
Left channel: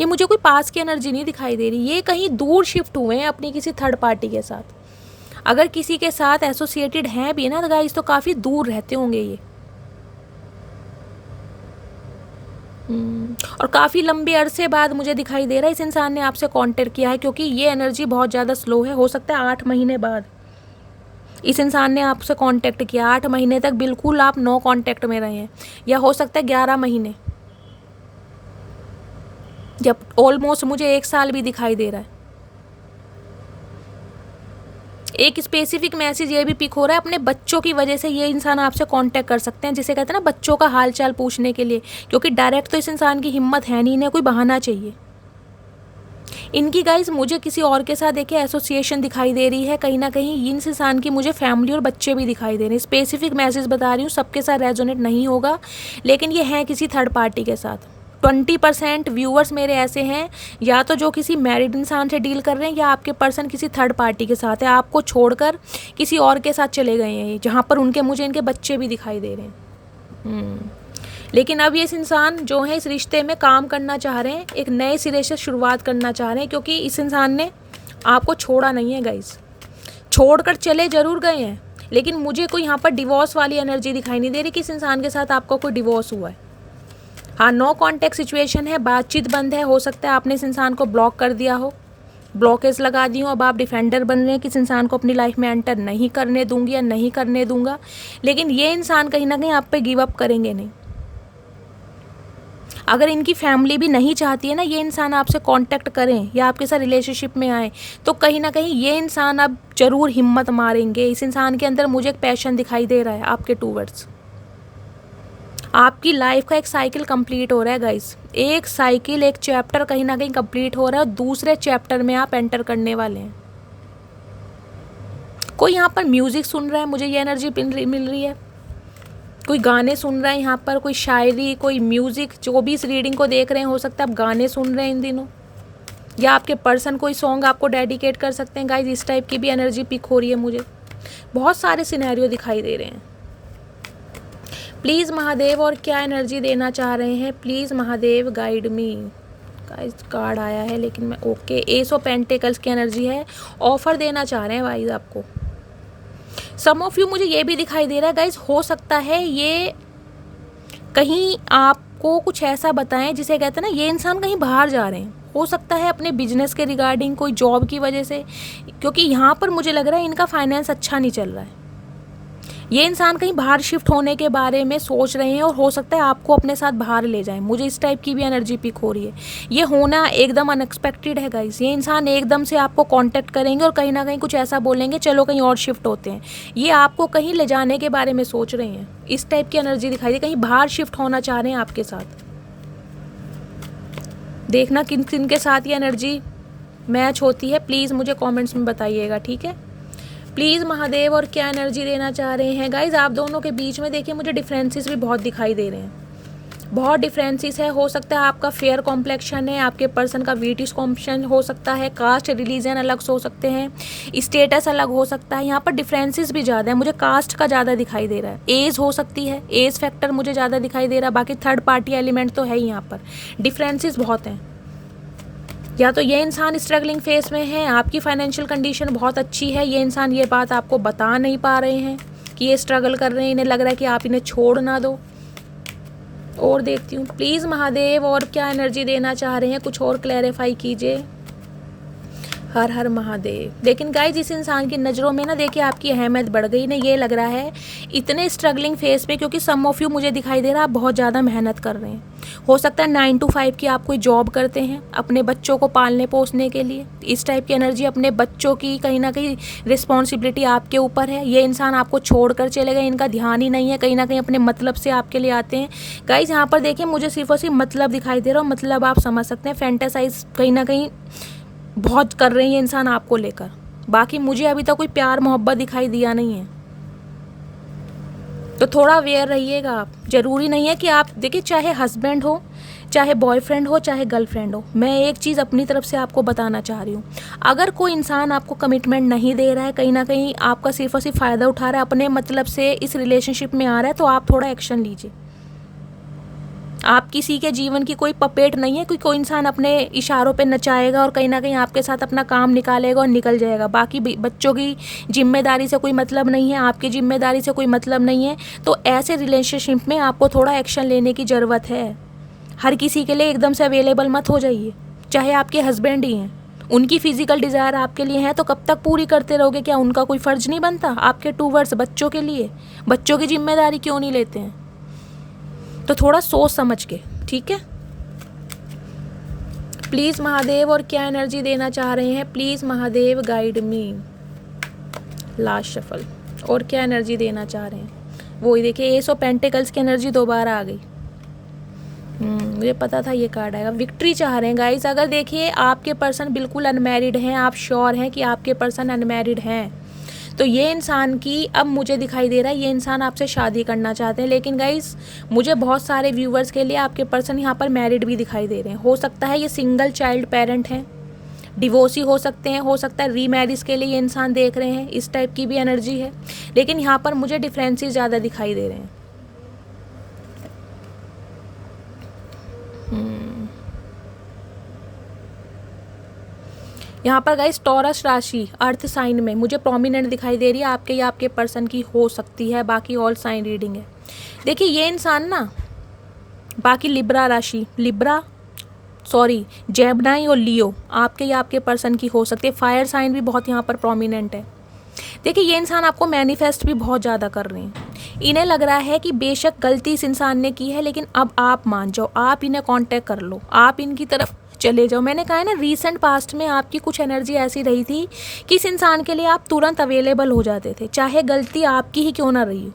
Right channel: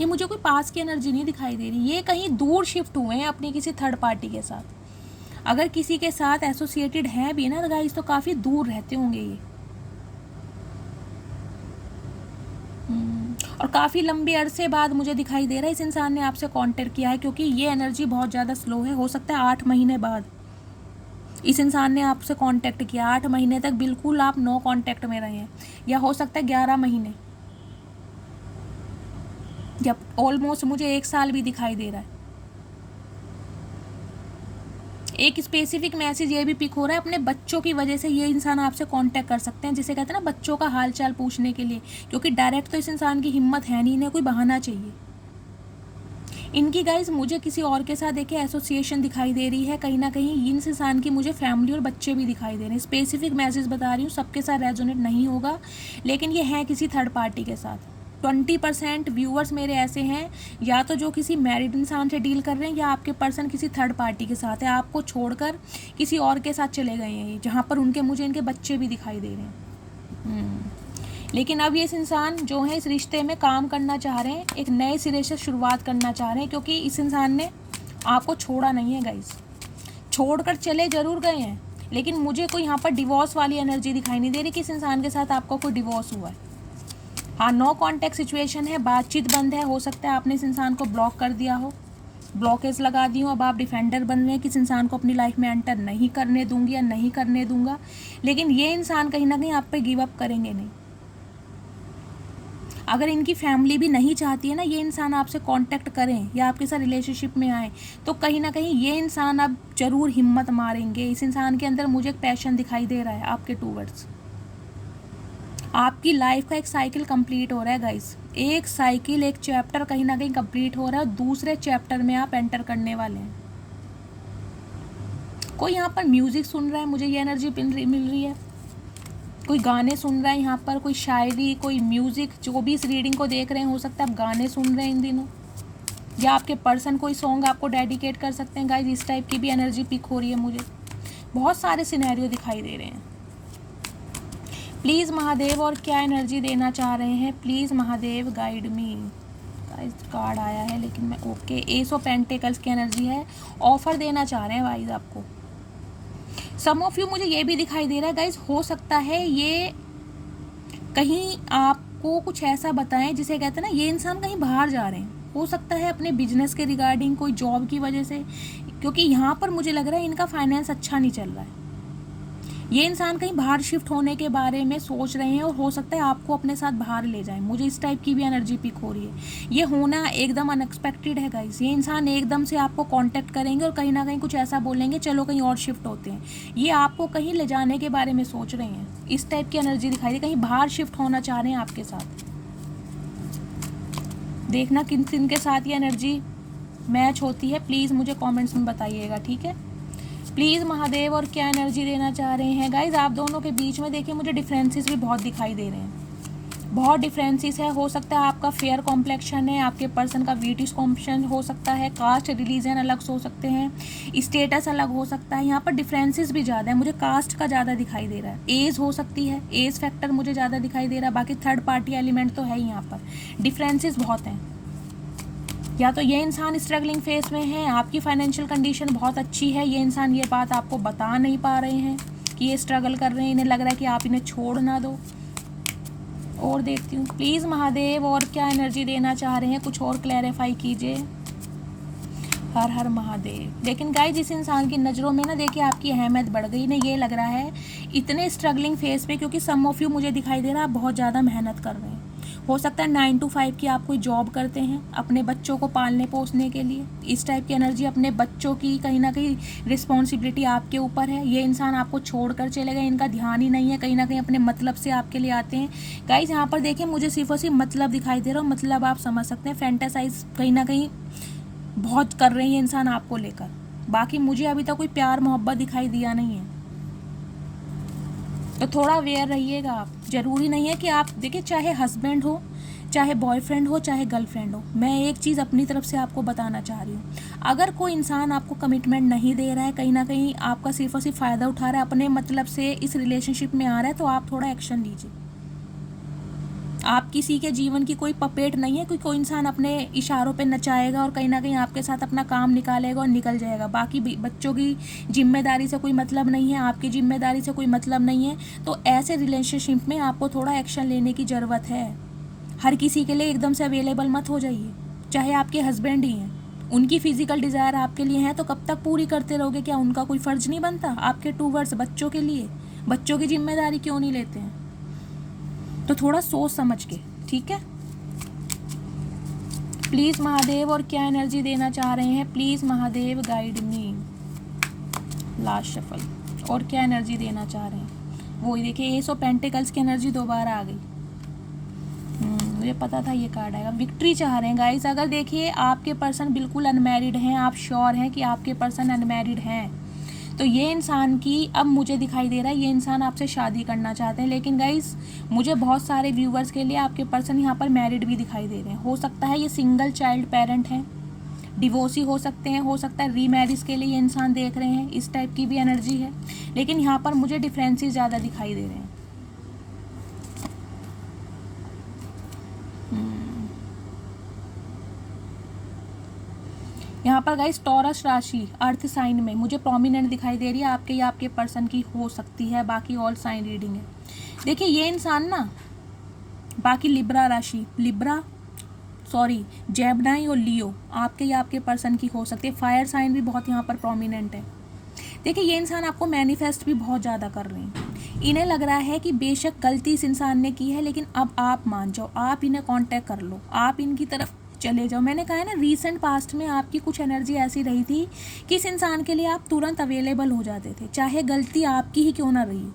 मुझे कोई पास की एनर्जी नहीं दिखाई दे रही, ये कहीं दूर शिफ्ट हुए हैं अपनी किसी थर्ड पार्टी के साथ। अगर किसी के साथ एसोसिएटेड हैं भी ना तो गाइस, तो काफ़ी दूर रहते होंगे ये, और काफ़ी लंबे अरसे बाद मुझे दिखाई दे रहा है इस इंसान ने आपसे कांटेक्ट किया है, क्योंकि ये एनर्जी बहुत ज़्यादा स्लो है। हो सकता है 8 महीने बाद इस इंसान ने आपसे कांटेक्ट किया। 8 महीने तक बिल्कुल आप नो कांटेक्ट में रहे हैं, या हो सकता है 11 महीने, जब ऑलमोस्ट मुझे 1 साल भी दिखाई दे रहा है। एक स्पेसिफिक मैसेज ये भी पिक हो रहा है, अपने बच्चों की वजह से ये इंसान आपसे कांटेक्ट कर सकते हैं, जिसे कहते हैं ना बच्चों का हालचाल पूछने के लिए, क्योंकि डायरेक्ट तो इस इंसान की हिम्मत है नहीं, इन्हें कोई बहाना चाहिए। इनकी गाइस मुझे किसी और के साथ देखिए एसोसिएशन दिखाई दे रही है, कहीं ना कहीं इस इंसान की मुझे फैमिली और बच्चे भी दिखाई दे रहे हैं। स्पेसिफिक मैसेज बता रही हूँ, सबके साथ रेजोनेट नहीं होगा, लेकिन ये हैं किसी थर्ड पार्टी के साथ। 20% व्यूअर्स मेरे ऐसे हैं, या तो जो किसी मैरिड इंसान से डील कर रहे हैं, या आपके पर्सन किसी थर्ड पार्टी के साथ है, आपको छोड़कर किसी और के साथ चले गए हैं, जहाँ पर उनके मुझे इनके बच्चे भी दिखाई दे रहे हैं। लेकिन अब ये इस इंसान जो है इस रिश्ते में काम करना चाह रहे हैं, एक नए सिरे से शुरुआत करना चाह रहे हैं, क्योंकि इस इंसान ने आपको छोड़ा नहीं है गाइस। छोड़कर चले जरूर गए हैं, लेकिन मुझे कोई यहाँ पर डिवोर्स वाली एनर्जी दिखाई नहीं दे रही कि इस इंसान के साथ आपका कोई डिवोर्स हुआ है। हाँ, नो कॉन्टेक्ट सिचुएशन है, बातचीत बंद है। हो सकता है आपने इस इंसान को ब्लॉक कर दिया हो, ब्लॉकेज लगा दी हो, अब आप डिफेंडर बन रहे हैं कि इस इंसान को अपनी लाइफ में एंटर नहीं करने दूंगी या नहीं करने दूंगा। लेकिन ये इंसान कहीं ना कहीं आप पे गिव अप करेंगे नहीं। अगर इनकी फैमिली भी नहीं चाहती है ना ये इंसान आपसे कांटेक्ट करें या आपके साथ रिलेशनशिप में आए, तो कहीं ना कहीं ये इंसान अब जरूर हिम्मत मारेंगे। इस इंसान के अंदर मुझे एक पैशन दिखाई दे रहा है आपके टूवर्ड्स। आपकी लाइफ का एक साइकिल कंप्लीट हो रहा है गाइस, एक साइकिल, एक चैप्टर कहीं ना कहीं कंप्लीट हो रहा है और दूसरे चैप्टर में आप एंटर करने वाले हैं। कोई यहाँ पर म्यूजिक सुन रहा है, मुझे ये एनर्जी मिल रही है। कोई गाने सुन रहा है यहाँ पर, कोई शायरी, कोई म्यूजिक, जो भी इस रीडिंग को देख रहे हैं, हो सकता है आप गाने सुन रहे हैं इन दिनों, या आपके पर्सन कोई सॉन्ग आपको डेडिकेट कर सकते हैं गाइस। इस टाइप की भी एनर्जी पिक हो रही है मुझे। बहुत सारे सिनेरियो दिखाई दे रहे हैं। प्लीज़ महादेव और क्या एनर्जी देना चाह रहे हैं, please Mahadev guide me. Guys card आया है लेकिन मैं ओके। एस ऑफ पेंटिकल्स की एनर्जी है, ऑफर देना चाह रहे हैं गाइस आपको। सम ऑफ यू मुझे ये भी दिखाई दे रहा है गाइस, हो सकता है ये कहीं आपको कुछ ऐसा बताएं जिसे कहते हैं ना ये इंसान कहीं बाहर जा रहे हैं। हो सकता है अपने बिजनेस के रिगार्डिंग, कोई जॉब की वजह से, क्योंकि यहाँ पर मुझे लग रहा है इनका फाइनेंस अच्छा नहीं चल रहा है। ये इंसान कहीं बाहर शिफ्ट होने के बारे में सोच रहे हैं और हो सकता है आपको अपने साथ बाहर ले जाएं। मुझे इस टाइप की भी एनर्जी पिक हो रही है। ये होना एकदम अनएक्सपेक्टेड है गाइस। ये इंसान एकदम से आपको कांटेक्ट करेंगे और कहीं ना कहीं कुछ ऐसा बोलेंगे, चलो कहीं और शिफ्ट होते हैं। ये आपको कहीं ले जाने के बारे में सोच रहे हैं। इस टाइप की एनर्जी दिखाई दे, कहीं बाहर शिफ्ट होना चाह रहे हैं आपके साथ। देखना किन किन के साथ ये एनर्जी मैच होती है, प्लीज़ मुझे कॉमेंट्स में बताइएगा, ठीक है। प्लीज़ महादेव और क्या एनर्जी देना चाह रहे हैं गाइज। आप दोनों के बीच में देखिए मुझे डिफरेंसेस भी बहुत दिखाई दे रहे हैं। बहुत डिफरेंसेस है। हो सकता है आपका फेयर कॉम्प्लेक्शन है, आपके पर्सन का ब्रिटिश कॉम्प्लेक्शन हो सकता है, कास्ट रिलीजन अलग से हो सकते हैं, स्टेटस अलग हो सकता है। यहाँ पर डिफरेंसेस भी ज़्यादा है। मुझे कास्ट का ज़्यादा दिखाई दे रहा है, एज हो सकती है, एज फैक्टर मुझे ज़्यादा दिखाई दे रहा है। बाकी थर्ड पार्टी एलिमेंट तो है ही, यहाँ पर डिफरेंसेस बहुत हैं। या तो ये इंसान स्ट्रगलिंग फेस में है, आपकी फाइनेंशियल कंडीशन बहुत अच्छी है, ये इंसान ये बात आपको बता नहीं पा रहे हैं कि ये स्ट्रगल कर रहे हैं, इन्हें लग रहा है कि आप इन्हें छोड़ ना दो। और देखती हूँ प्लीज़ महादेव, और क्या एनर्जी देना चाह रहे हैं, कुछ और क्लैरिफाई कीजिए। हर हर महादेव। लेकिन गाइस इस इंसान की नज़रों में ना देखिए आपकी अहमियत बढ़ गई ना, ये लग रहा है इतने स्ट्रगलिंग फेस पे, क्योंकि सम ऑफ यू मुझे दिखाई दे रहा है आप बहुत ज़्यादा मेहनत कर रहे हैं। हो सकता है 9 to 5 की आप कोई जॉब करते हैं अपने बच्चों को पालने पोसने के लिए। इस टाइप की एनर्जी, अपने बच्चों की कहीं ना कहीं रिस्पॉन्सिबिलिटी आपके ऊपर है। ये इंसान आपको छोड़ कर चले गए, इनका ध्यान ही नहीं है, कहीं ना कहीं अपने मतलब से आपके लिए आते हैं। गाइस यहाँ पर देखिए मुझे सिर्फ और सिर्फ मतलब दिखाई दे रहा है, मतलब आप समझ सकते हैं, फैंटेसाइज कहीं ना कहीं बहुत कर रहे हैं ये इंसान आपको लेकर। बाकी मुझे अभी तक कोई प्यार मोहब्बत दिखाई दिया नहीं है, तो थोड़ा अवेयर रहिएगा आप। ज़रूरी नहीं है कि आप देखिए, चाहे हस्बैंड हो, चाहे बॉयफ्रेंड हो, चाहे गर्लफ्रेंड हो, मैं एक चीज़ अपनी तरफ से आपको बताना चाह रही हूँ। अगर कोई इंसान आपको कमिटमेंट नहीं दे रहा है, कहीं ना कहीं आपका सिर्फ और सिर्फ फ़ायदा उठा रहा है, अपने मतलब से इस रिलेशनशिप में आ रहा है, तो आप थोड़ा एक्शन लीजिए। आप किसी के जीवन की कोई पपेट नहीं है, कोई इंसान अपने इशारों पे नचाएगा और कहीं ना कहीं आपके साथ अपना काम निकालेगा और निकल जाएगा। बाकी बच्चों की जिम्मेदारी से कोई मतलब नहीं है, आपकी जिम्मेदारी से कोई मतलब नहीं है। तो ऐसे रिलेशनशिप में आपको थोड़ा एक्शन लेने की ज़रूरत है। हर किसी के लिए एकदम से अवेलेबल मत हो जाइए, चाहे आपके हस्बैंड ही हैं। उनकी फिजिकल डिज़ायर आपके लिए है तो कब तक पूरी करते रहोगे? क्या उनका कोई फ़र्ज नहीं बनता आपके टूवर्ड्स बच्चों के लिए? बच्चों की जिम्मेदारी क्यों नहीं लेते हैं? तो थोड़ा सोच समझ के, ठीक है। प्लीज़ महादेव, और क्या एनर्जी देना चाह रहे हैं? Please Mahadev guide me. Last shuffle, और क्या एनर्जी देना चाह रहे हैं? वही देखिए, एस ऑफ पेंटिकल्स की एनर्जी दोबारा आ गई। मुझे पता था ये कार्ड आएगा। विक्ट्री चाह रहे हैं गाइस। अगर देखिए आपके पर्सन बिल्कुल अनमैरिड हैं, आप श्योर हैं कि आपके पर्सन अनमैरिड हैं, तो ये इंसान की अब मुझे दिखाई दे रहा है ये इंसान आपसे शादी करना चाहते हैं। लेकिन गाइस मुझे बहुत सारे व्यूवर्स के लिए आपके पर्सन यहाँ पर मैरिड भी दिखाई दे रहे हैं। हो सकता है ये सिंगल चाइल्ड पेरेंट हैं, डिवोर्सी हो सकते हैं, हो सकता है रीमैरिज के लिए ये इंसान देख रहे हैं, इस टाइप की भी एनर्जी है। लेकिन यहाँ पर मुझे डिफरेंसेस ज़्यादा दिखाई दे रहे हैं। यहाँ पर गाइस टॉरस राशि अर्थ साइन में मुझे प्रोमिनेंट दिखाई दे रही है, आपके या आपके पर्सन की हो सकती है। बाकी ऑल साइन रीडिंग है। देखिए ये इंसान ना, बाकी लिब्रा राशि, जेमिनी और लियो आपके या आपके पर्सन की हो सकती है। फायर साइन भी बहुत यहाँ पर प्रोमिनेंट है। देखिए ये इंसान आपको मैनिफेस्ट भी बहुत ज़्यादा कर रहे हैं। इन्हें लग रहा है कि बेशक गलती इस इंसान ने की है, लेकिन अब आप मान जाओ, आप इन्हें कांटेक्ट कर लो, आप इनकी तरफ चले जाओ। मैंने कहा है ना, रीसेंट पास्ट में आपकी कुछ एनर्जी ऐसी रही थी कि इस इंसान के लिए आप तुरंत अवेलेबल हो जाते थे, चाहे गलती आपकी ही क्यों ना रही हो।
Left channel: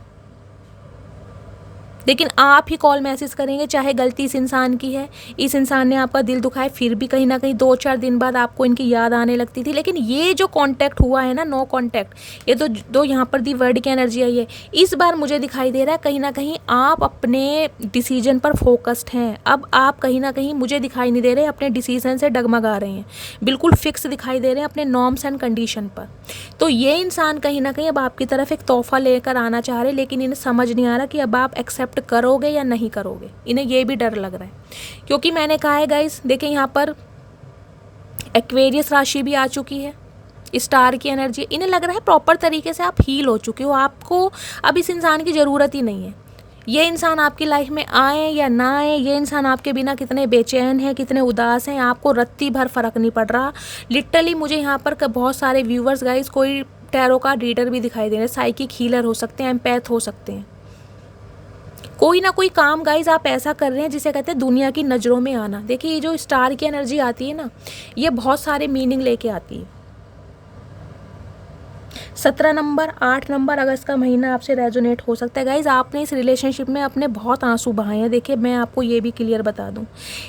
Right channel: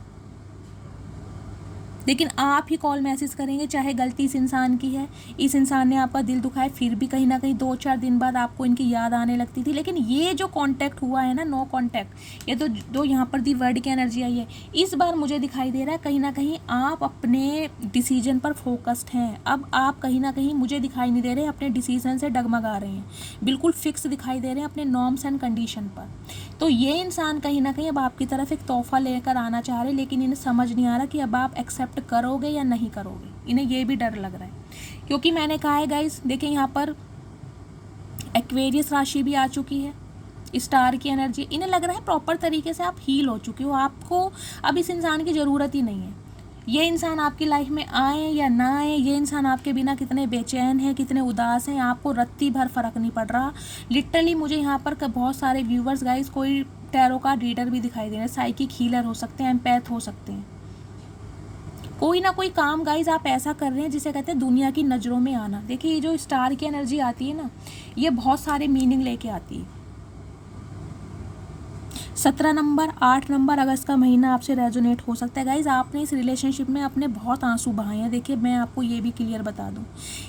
लेकिन आप ही कॉल मैसेज करेंगे, चाहे गलती इस इंसान की है, इस इंसान ने आपका दिल दुखाया, फिर भी कहीं ना कहीं 2-4 दिन बाद आपको इनकी याद आने लगती थी। लेकिन ये जो कांटेक्ट हुआ है ना, नो कांटेक्ट, ये तो दो यहाँ पर दी वर्ड की एनर्जी आई है। इस बार मुझे दिखाई दे रहा है कहीं ना कहीं आप अपने डिसीजन पर फोकस्ड हैं। अब आप कहीं ना कहीं, मुझे दिखाई नहीं दे रहे अपने डिसीजन से डगमगा रहे हैं, बिल्कुल फिक्स दिखाई दे रहे हैं अपने नॉर्म्स एंड कंडीशन पर। तो ये इंसान कहीं ना कहीं अब आपकी तरफ एक तोहफा लेकर आना चाह रहे, लेकिन इन्हें समझ नहीं आ रहा कि अब आप एक्सेप्ट करोगे या नहीं करोगे। इन्हें ये भी डर लग रहा है, क्योंकि मैंने कहा है गाइस, देखिए यहाँ पर एक्वेरियस राशि भी आ चुकी है, स्टार की एनर्जी। इन्हें लग रहा है प्रॉपर तरीके से आप हील हो चुके हो, आपको अब इस इंसान की ज़रूरत ही नहीं है। ये इंसान आपकी लाइफ में आए या ना आए, ये इंसान आपके बिना कितने बेचैन है, कितने उदास हैं, आपको रत्ती भर फर्क नहीं पड़ रहा। लिटरली मुझे यहाँ पर बहुत सारे व्यूवर्स गाइस, कोई टैरो का रीडर भी दिखाई दे रहे हैं, साइकिक हीलर हो सकते हैं, एम्पैथ हो सकते हैं। कोई ना कोई काम गाइज आप ऐसा कर रहे हैं जिसे कहते हैं दुनिया की नज़रों में आना। देखिए ये जो स्टार की एनर्जी आती है ना, ये बहुत सारे मीनिंग लेके आती है। 17 नंबर, 8 नंबर, अगस्त का महीना आपसे रेजोनेट हो सकता है गाइज। आपने इस रिलेशनशिप में अपने बहुत आंसू बहाए हैं। देखिए मैं आपको ये भी क्लियर बता दूं,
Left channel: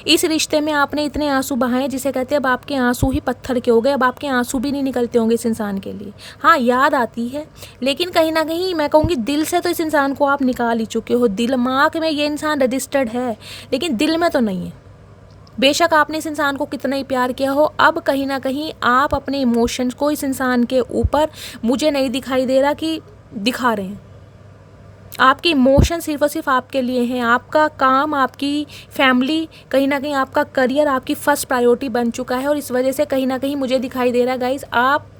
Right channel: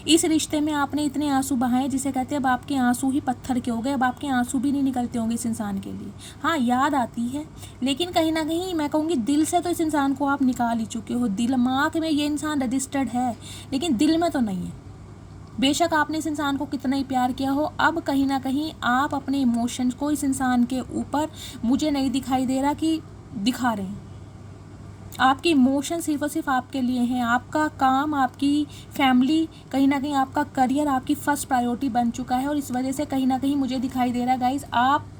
इस रिश्ते में आपने इतने आंसू बहाए जिसे कहते हैं अब आपके आंसू ही पत्थर के हो गए। अब आपके आंसू भी नहीं निकलते होंगे इस इंसान के लिए। हाँ, याद आती है, लेकिन कहीं ना कहीं मैं कहूँगी दिल से तो इस इंसान को आप निकाल ही चुके हो। दिमाग में ये इंसान रजिस्टर्ड है, लेकिन दिल में तो नहीं है। बेशक आपने इस इंसान को कितना ही प्यार किया हो, अब कहीं ना कहीं आप अपने इमोशंस को इस इंसान के ऊपर, मुझे नहीं दिखाई दे रहा कि दिखा रहे हैं। आपके इमोशन सिर्फ और सिर्फ आपके लिए हैं। आपका काम, आपकी फैमिली, कहीं ना कहीं आपका करियर आपकी फर्स्ट प्रायोरिटी बन चुका है। और इस वजह से कहीं ना कहीं मुझे दिखाई दे रहा है गाइज, आप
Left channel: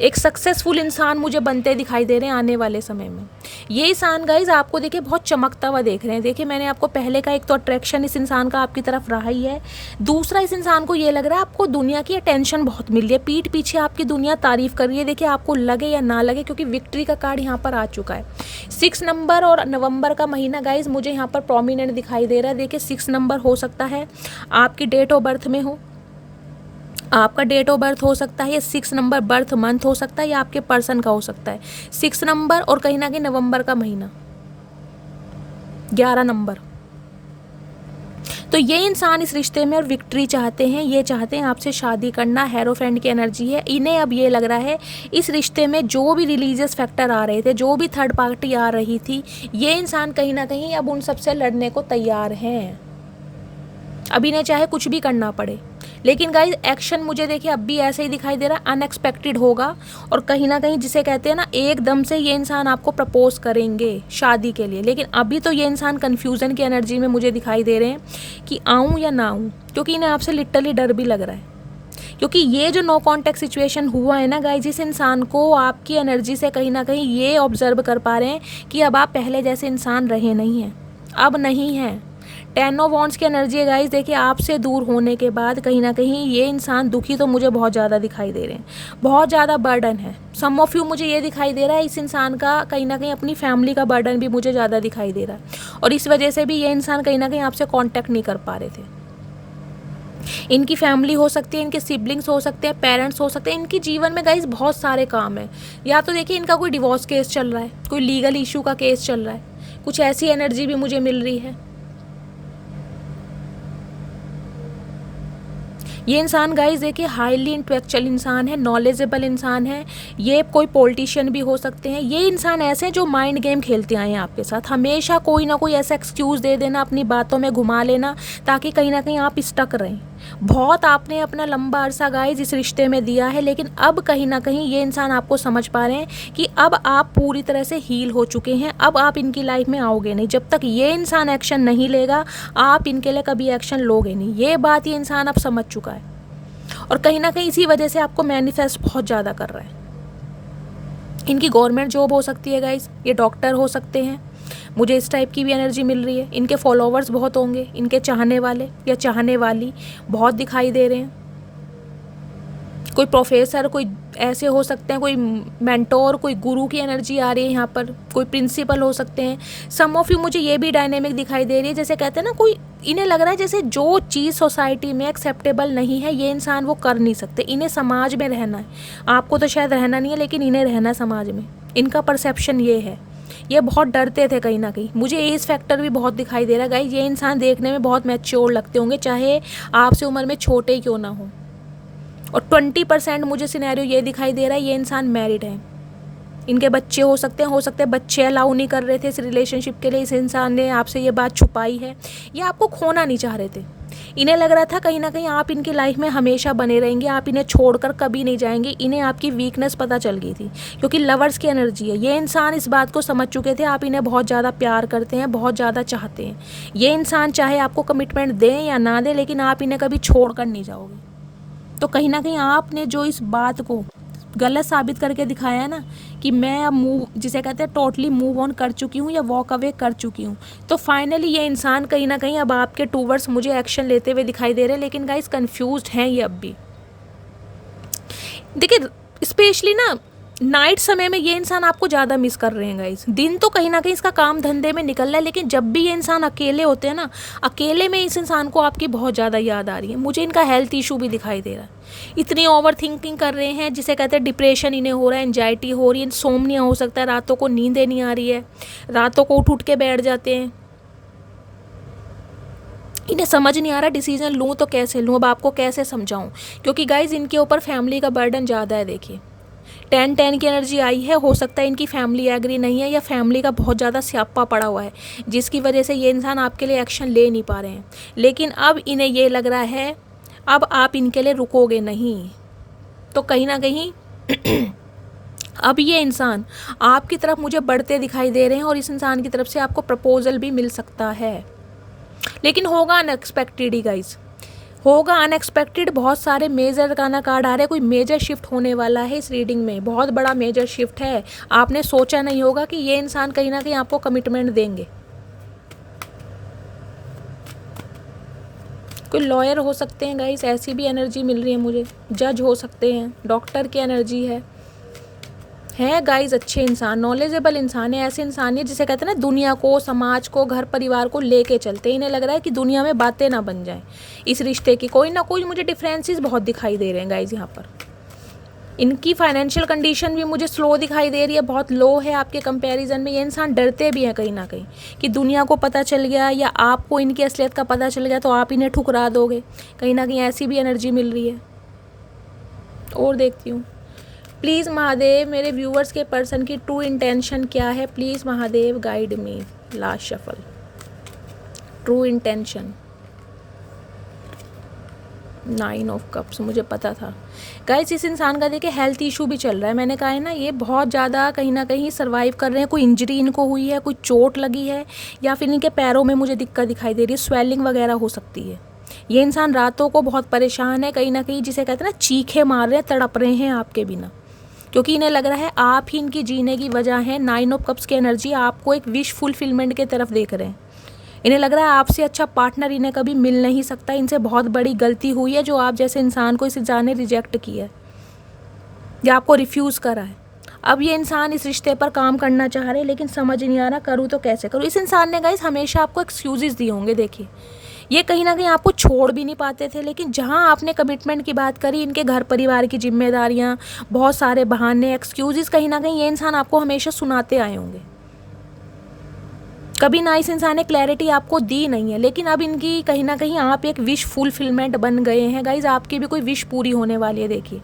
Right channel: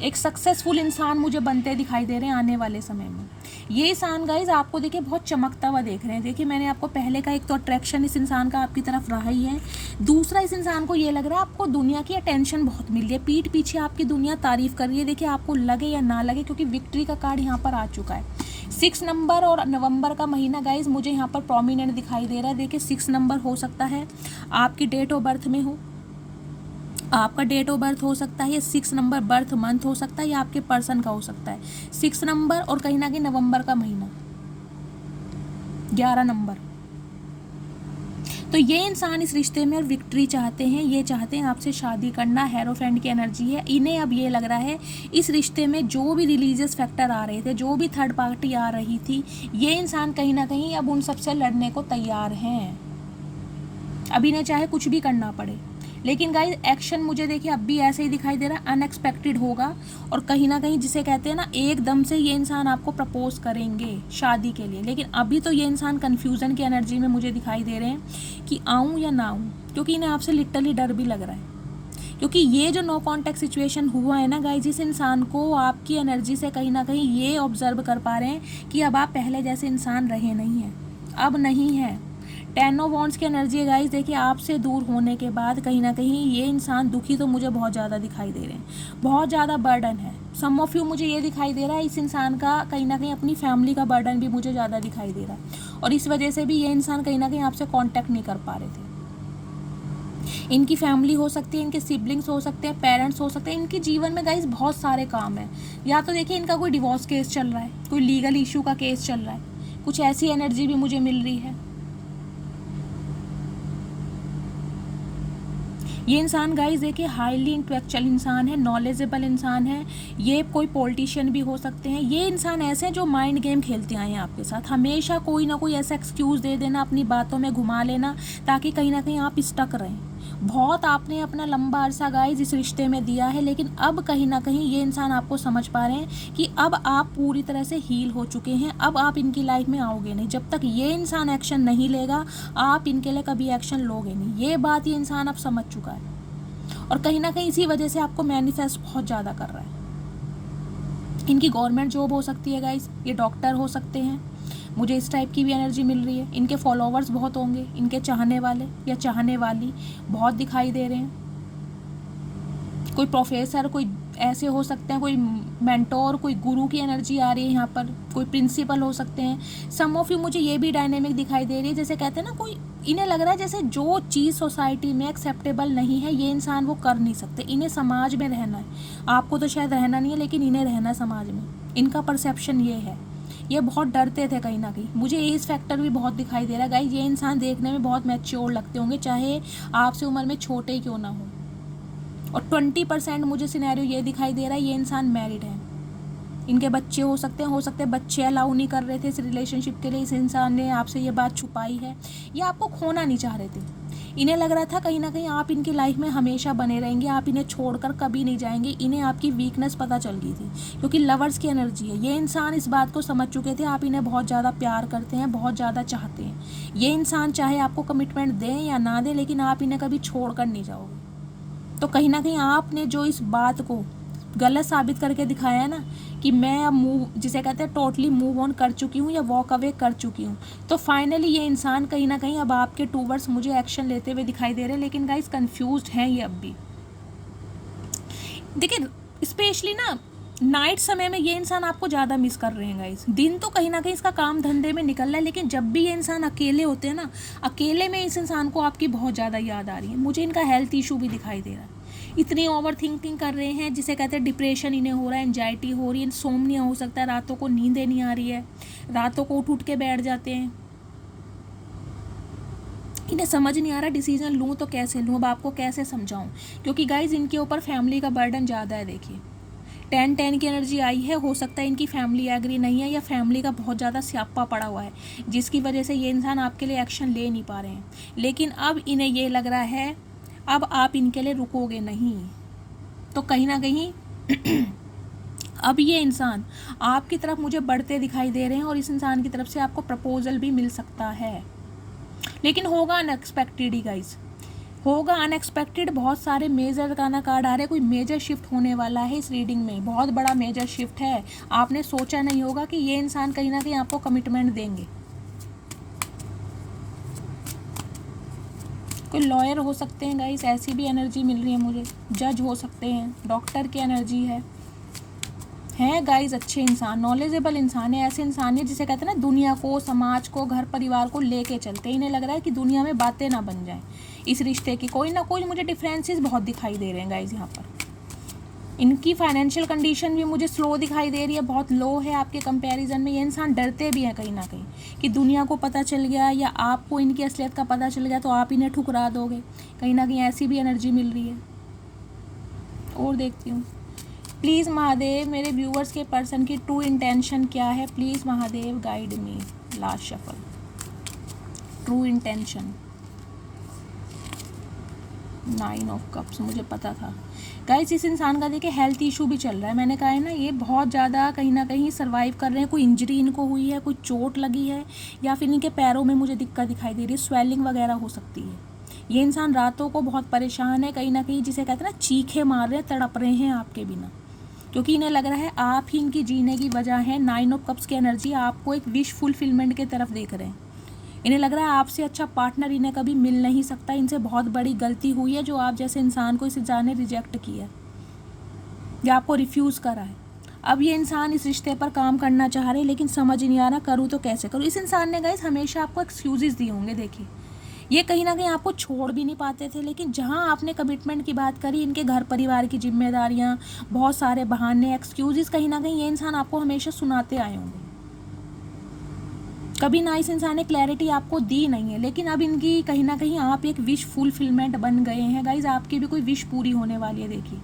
एक सक्सेसफुल इंसान मुझे बनते दिखाई दे रहे हैं आने वाले समय में। ये इंसान गाइज आपको देखिए बहुत चमकता हुआ देख रहे हैं। देखिए मैंने आपको पहले का एक तो अट्रैक्शन इस इंसान का आपकी तरफ रहा ही है। दूसरा, इस इंसान को ये लग रहा है आपको दुनिया की अटेंशन बहुत मिल रही है, पीठ पीछे आपकी दुनिया तारीफ कर रही है। देखिए आपको लगे या ना लगे, क्योंकि विक्ट्री का कार्ड यहाँ पर आ चुका है। 6 नंबर और नवंबर का महीना गाइज मुझे यहाँ पर प्रोमिनेंट दिखाई दे रहा है। देखिए 6 नंबर हो सकता है आपकी डेट ऑफ बर्थ में हो, आपका डेट ऑफ बर्थ हो सकता है, 6 नंबर बर्थ मंथ हो सकता है, या आपके पर्सन का हो सकता है 6 नंबर और कहीं ना कहीं नवंबर का महीना 11 नंबर। तो ये इंसान इस रिश्ते में और विक्ट्री चाहते हैं, ये चाहते हैं आपसे शादी करना। हेरोफेंट की एनर्जी है इन्हें। अब ये लग रहा है इस रिश्ते में जो भी रिलीजियस फैक्टर आ रहे थे, जो भी थर्ड पार्टी आ रही थी, ये इंसान कहीं ना कहीं अब उन सबसे लड़ने को तैयार हैं। अब इन्हें चाहे कुछ भी करना पड़े, लेकिन गाइज एक्शन मुझे देखिए अब भी ऐसे ही दिखाई दे रहा है, अनएक्सपेक्टेड होगा। और कहीं ना कहीं जिसे कहते हैं ना, एकदम से ये इंसान आपको प्रपोज करेंगे शादी के लिए। लेकिन अभी तो ये इंसान कन्फ्यूज़न की एनर्जी में मुझे दिखाई दे रहे हैं कि आऊँ या ना आऊँ, क्योंकि इन्हें आपसे लिटरली डर भी लग रहा है। क्योंकि ये जो नो कॉन्टैक्ट सिचुएशन हुआ है ना गाइज, इस इंसान को आपकी एनर्जी से कहीं ना कहीं ये ऑब्जर्व कर पा रहे हैं कि अब आप पहले जैसे इंसान रहे नहीं हैं, अब नहीं हैं। 10 ऑफ वॉन्ड्स की एनर्जी है गाइज। देखिए आपसे दूर होने के बाद कहीं ना कहीं ये इंसान दुखी तो मुझे बहुत ज़्यादा दिखाई दे रहे हैं, बहुत ज़्यादा बर्डन है। सम ऑफ यू मुझे ये दिखाई दे रहा है इस इंसान का कहीं ना कहीं अपनी फैमिली का बर्डन भी मुझे ज़्यादा दिखाई दे रहा है, और इस वजह से भी ये इंसान कहीं ना कहीं आपसे कॉन्टैक्ट नहीं कर पा रहे थे। इनकी फैमिली हो सकती है, इनके सिबलिंग्स हो सकते हैं, पेरेंट्स हो सकते हैं। इनके जीवन में गाइज बहुत सारे काम हैं। या तो देखिए इनका कोई डिवोर्स केस चल रहा है, कोई लीगल इशू का केस चल रहा है, कुछ ऐसी एनर्जी भी मुझे मिल रही है। ये इंसान गाइज देखिए हाईली इंटेलेक्चुअल इंसान है, नॉलेजेबल इंसान है। ये कोई पॉलिटिशियन भी हो सकते हैं। ये इंसान ऐसे हैं जो माइंड गेम खेलते आए हैं आपके साथ, हमेशा कोई ना कोई ऐसा एक्सक्यूज़ दे देना, अपनी बातों में घुमा लेना, ताकि कहीं ना कहीं आप स्टक रहें। बहुत आपने अपना लंबा अरसा गाइज इस रिश्ते में दिया है, लेकिन अब कहीं ना कहीं ये इंसान आपको समझ पा रहे हैं कि अब आप पूरी तरह से हील हो चुके हैं। अब आप इनकी लाइफ में आओगे नहीं। जब तक ये इंसान एक्शन नहीं लेगा, आप इनके लिए कभी एक्शन लोगे नहीं। ये बात ये इंसान अब समझ चुका है, और कहीं ना कहीं इसी वजह से आपको मैनिफेस्ट बहुत ज़्यादा कर रहा है। इनकी गवर्नमेंट जॉब हो सकती है गाइज, ये डॉक्टर हो सकते हैं, मुझे इस टाइप की भी एनर्जी मिल रही है। इनके फॉलोवर्स बहुत होंगे, इनके चाहने वाले या चाहने वाली बहुत दिखाई दे रहे हैं। कोई प्रोफेसर, कोई ऐसे हो सकते हैं, कोई मेंटोर, कोई गुरु की एनर्जी आ रही है यहाँ पर, कोई प्रिंसिपल हो सकते हैं। सम ऑफ यू मुझे ये भी डायनेमिक दिखाई दे रही है, जैसे कहते हैं ना, कोई इन्हें लग रहा है जैसे जो चीज़ सोसाइटी में एक्सेप्टेबल नहीं है ये इंसान वो कर नहीं सकते। इन्हें समाज में रहना है, आपको तो शायद रहना नहीं है, लेकिन इन्हें रहना है समाज में। इनका परसेप्शन ये है। ये बहुत डरते थे कहीं ना कहीं। मुझे एज फैक्टर भी बहुत दिखाई दे रहा है गाइस। ये इंसान देखने में बहुत मैच्योर लगते होंगे, चाहे आपसे उम्र में छोटे ही क्यों ना हो। और 20% मुझे सिनेरियो ये दिखाई दे रहा है ये इंसान मैरिड है, इनके बच्चे हो सकते हैं बच्चे अलाउ नहीं कर रहे थे इस रिलेशनशिप के लिए। इस इंसान ने आपसे ये बात छुपाई है, ये आपको खोना नहीं चाह रहे थे। इन्हें लग रहा था कहीं ना कहीं आप इनकी लाइफ में हमेशा बने रहेंगे, आप इन्हें छोड़कर कभी नहीं जाएंगे। इन्हें आपकी वीकनेस पता चल गई थी, क्योंकि लवर्स की एनर्जी है। ये इंसान इस बात को समझ चुके थे आप इन्हें बहुत ज़्यादा प्यार करते हैं, बहुत ज़्यादा चाहते हैं। ये इंसान चाहे आपको कमिटमेंट दें या ना दें, लेकिन आप इन्हें कभी छोड़ कर नहीं जाओगे। तो कहीं ना कहीं आपने जो इस बात को गलत साबित करके दिखाया है ना, कि मैं अब मूव, जिसे कहते हैं टोटली मूव ऑन कर चुकी हूँ या वॉक अवे कर चुकी हूँ, तो फाइनली ये इंसान कहीं ना कहीं अब आपके टूवर्ड्स मुझे एक्शन लेते हुए दिखाई दे रहे हैं। लेकिन गाइस कंफ्यूज्ड हैं ये अब भी। देखिए स्पेशली ना नाइट समय में ये इंसान आपको ज़्यादा मिस कर रहे हैं गाइस। दिन तो कहीं ना कहीं इसका काम धंधे में निकल रहा है, लेकिन जब भी ये इंसान अकेले होते हैं ना, अकेले में इस इंसान को आपकी बहुत ज़्यादा याद आ रही है। मुझे इनका हेल्थ इशू भी दिखाई दे रहा है। इतनी ओवर थिंकिंग कर रहे हैं, जिसे कहते हैं डिप्रेशन इन्हें हो रहा है, एंजाइटी हो रही है, इंसोम्निया हो सकता है, रातों को नींदें नहीं आ रही है, रातों को उठ उठ के बैठ जाते हैं। इन्हें समझ नहीं आ रहा डिसीजन लूँ तो कैसे लूँ, अब आपको कैसे समझाऊँ, क्योंकि गाइज इनके ऊपर फैमिली का बर्डन ज़्यादा है। देखिए 10-10 की एनर्जी आई है, हो सकता है इनकी फैमिली एग्री नहीं है या फैमिली का बहुत ज़्यादा स्यापा पड़ा हुआ है, जिसकी वजह से ये इंसान आपके लिए एक्शन ले नहीं पा रहे हैं। लेकिन अब इन्हें ये लग रहा है अब आप इनके लिए रुकोगे नहीं, तो कहीं ना कहीं अब ये इंसान आपकी तरफ मुझे बढ़ते दिखाई दे रहे हैं और इस इंसान की तरफ से आपको प्रपोजल भी मिल सकता है, लेकिन होगा अनएक्सपेक्टेड ही गाइज, होगा अनएक्सपेक्टेड। बहुत सारे मेजर का ना कार्ड आ रहे हैं, कोई मेजर शिफ्ट होने वाला है इस रीडिंग में, बहुत बड़ा मेजर शिफ्ट है। आपने सोचा नहीं होगा कि ये इंसान कहीं ना कहीं आपको कमिटमेंट देंगे। कोई लॉयर हो सकते हैं गाइस, ऐसी भी एनर्जी मिल रही है मुझे, जज हो सकते हैं, डॉक्टर की एनर्जी है गाइस। अच्छे इंसान, नॉलेजेबल इंसान है, ऐसे इंसान है जिसे कहते हैं ना दुनिया को, समाज को, घर परिवार को लेके चलते हैं। इन्हें लग रहा है कि दुनिया में बातें ना बन जाएं इस रिश्ते की, कोई ना कोई मुझे डिफरेंसेस बहुत दिखाई दे रहे हैं गाइस। यहाँ पर इनकी फाइनेंशियल कंडीशन भी मुझे स्लो दिखाई दे रही है, बहुत लो है आपके कंपैरिजन में। ये इंसान डरते भी हैं कहीं ना कहीं कि दुनिया को पता चल गया या आपको इनकी असलियत का पता चल गया तो आप इन्हें ठुकरा दोगे, कहीं ना कहीं ऐसी भी एनर्जी मिल रही है। और देखती हूँ, प्लीज़ महादेव मेरे व्यूवर्स के पर्सन की ट्रू इंटेंशन क्या है, please Mahadev guide me. Last shuffle, true intention, 9 of cups, मुझे पता था गाइस। इस इंसान का देखिए हेल्थ इशू भी चल रहा है, मैंने कहा है ना, ये बहुत ज़्यादा कहीं ना कहीं सर्वाइव कर रहे हैं। कोई इंजरी इनको हुई है, कोई चोट लगी है, या फिर इनके पैरों में मुझे दिक्कत दिखाई दे रही है, स्वेलिंग वगैरह हो सकती है। ये इंसान रातों को बहुत परेशान है, कहीं ना कहीं जिसे कहते हैं ना चीखे मार रहे हैं, तड़प रहे हैं आपके बिना, क्योंकि इन्हें लग रहा है आप ही इनकी जीने की वजह है। 9 ऑफ कप्स की एनर्जी आपको एक विश फुलफिलमेंट की तरफ देख रहे हैं। इन्हें लग रहा है आपसे अच्छा पार्टनर इन्हें कभी मिल नहीं सकता, इनसे बहुत बड़ी गलती हुई है जो आप जैसे इंसान को इस इंसान ने रिजेक्ट किया है या आपको रिफ्यूज़ करा है। अब ये इंसान इस रिश्ते पर काम करना चाह रहे हैं, लेकिन समझ नहीं आ रहा करूँ तो कैसे करूँ। इस इंसान ने गाइस हमेशा आपको एक्सक्यूज़ेस दिए होंगे। देखिए ये कहीं ना कहीं आपको छोड़ भी नहीं पाते थे, लेकिन जहाँ आपने कमिटमेंट की बात करी, इनके घर परिवार की जिम्मेदारियाँ, बहुत सारे बहाने, एक्सक्यूज़ेस कहीं ना कहीं ये इंसान आपको हमेशा सुनाते आए होंगे। कभी ना इस इंसान ने क्लैरिटी आपको दी नहीं है, लेकिन अब इनकी कहीं ना कहीं आप एक विश फुलफिलमेंट बन गए हैं गाइज। आपकी भी कोई विश पूरी होने वाली है। देखिए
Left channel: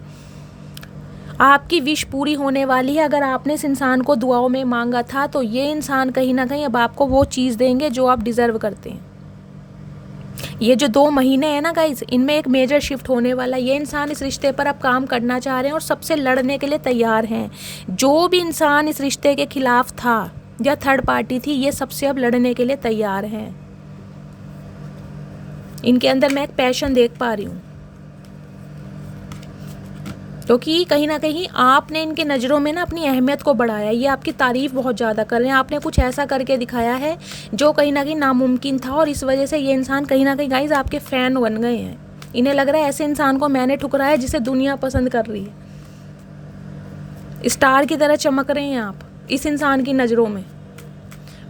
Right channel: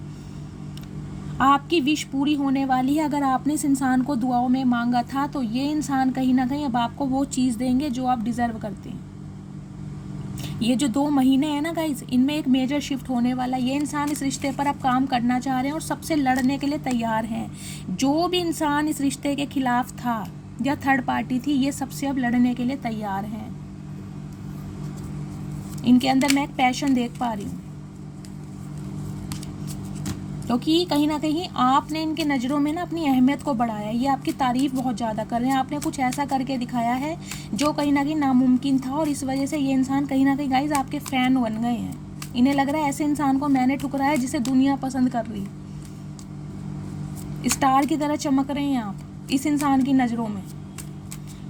आपकी विश पूरी होने वाली है। अगर आपने इस इंसान को दुआओं में मांगा था तो ये इंसान कहीं ना कहीं अब आपको वो चीज़ देंगे जो आप डिज़र्व करते हैं। ये जो 2 महीने हैं ना गाइज, इनमें एक मेजर शिफ्ट होने वाला है। ये इंसान इस रिश्ते पर अब काम करना चाह रहे हैं और सबसे लड़ने के लिए तैयार हैं। जो भी इंसान इस रिश्ते के खिलाफ था या थर्ड पार्टी थी, ये सबसे अब लड़ने के लिए तैयार हैं। इनके अंदर मैं एक पैशन देख पा रही हूँ, क्योंकि कहीं ना कहीं आपने इनके नज़रों में ना अपनी अहमियत को बढ़ाया। ये आपकी तारीफ़ बहुत ज़्यादा कर रहे हैं, आपने कुछ ऐसा करके दिखाया है जो कहीं ना कहीं नामुमकिन था, और इस वजह से ये इंसान कहीं ना कहीं गाइज आपके फ़ैन बन गए हैं। इन्हें लग रहा है ऐसे इंसान को मैंने ठुकराया जिसे दुनिया पसंद कर रही है। स्टार की तरह चमक रहे हैं आप इस इंसान की नज़रों में।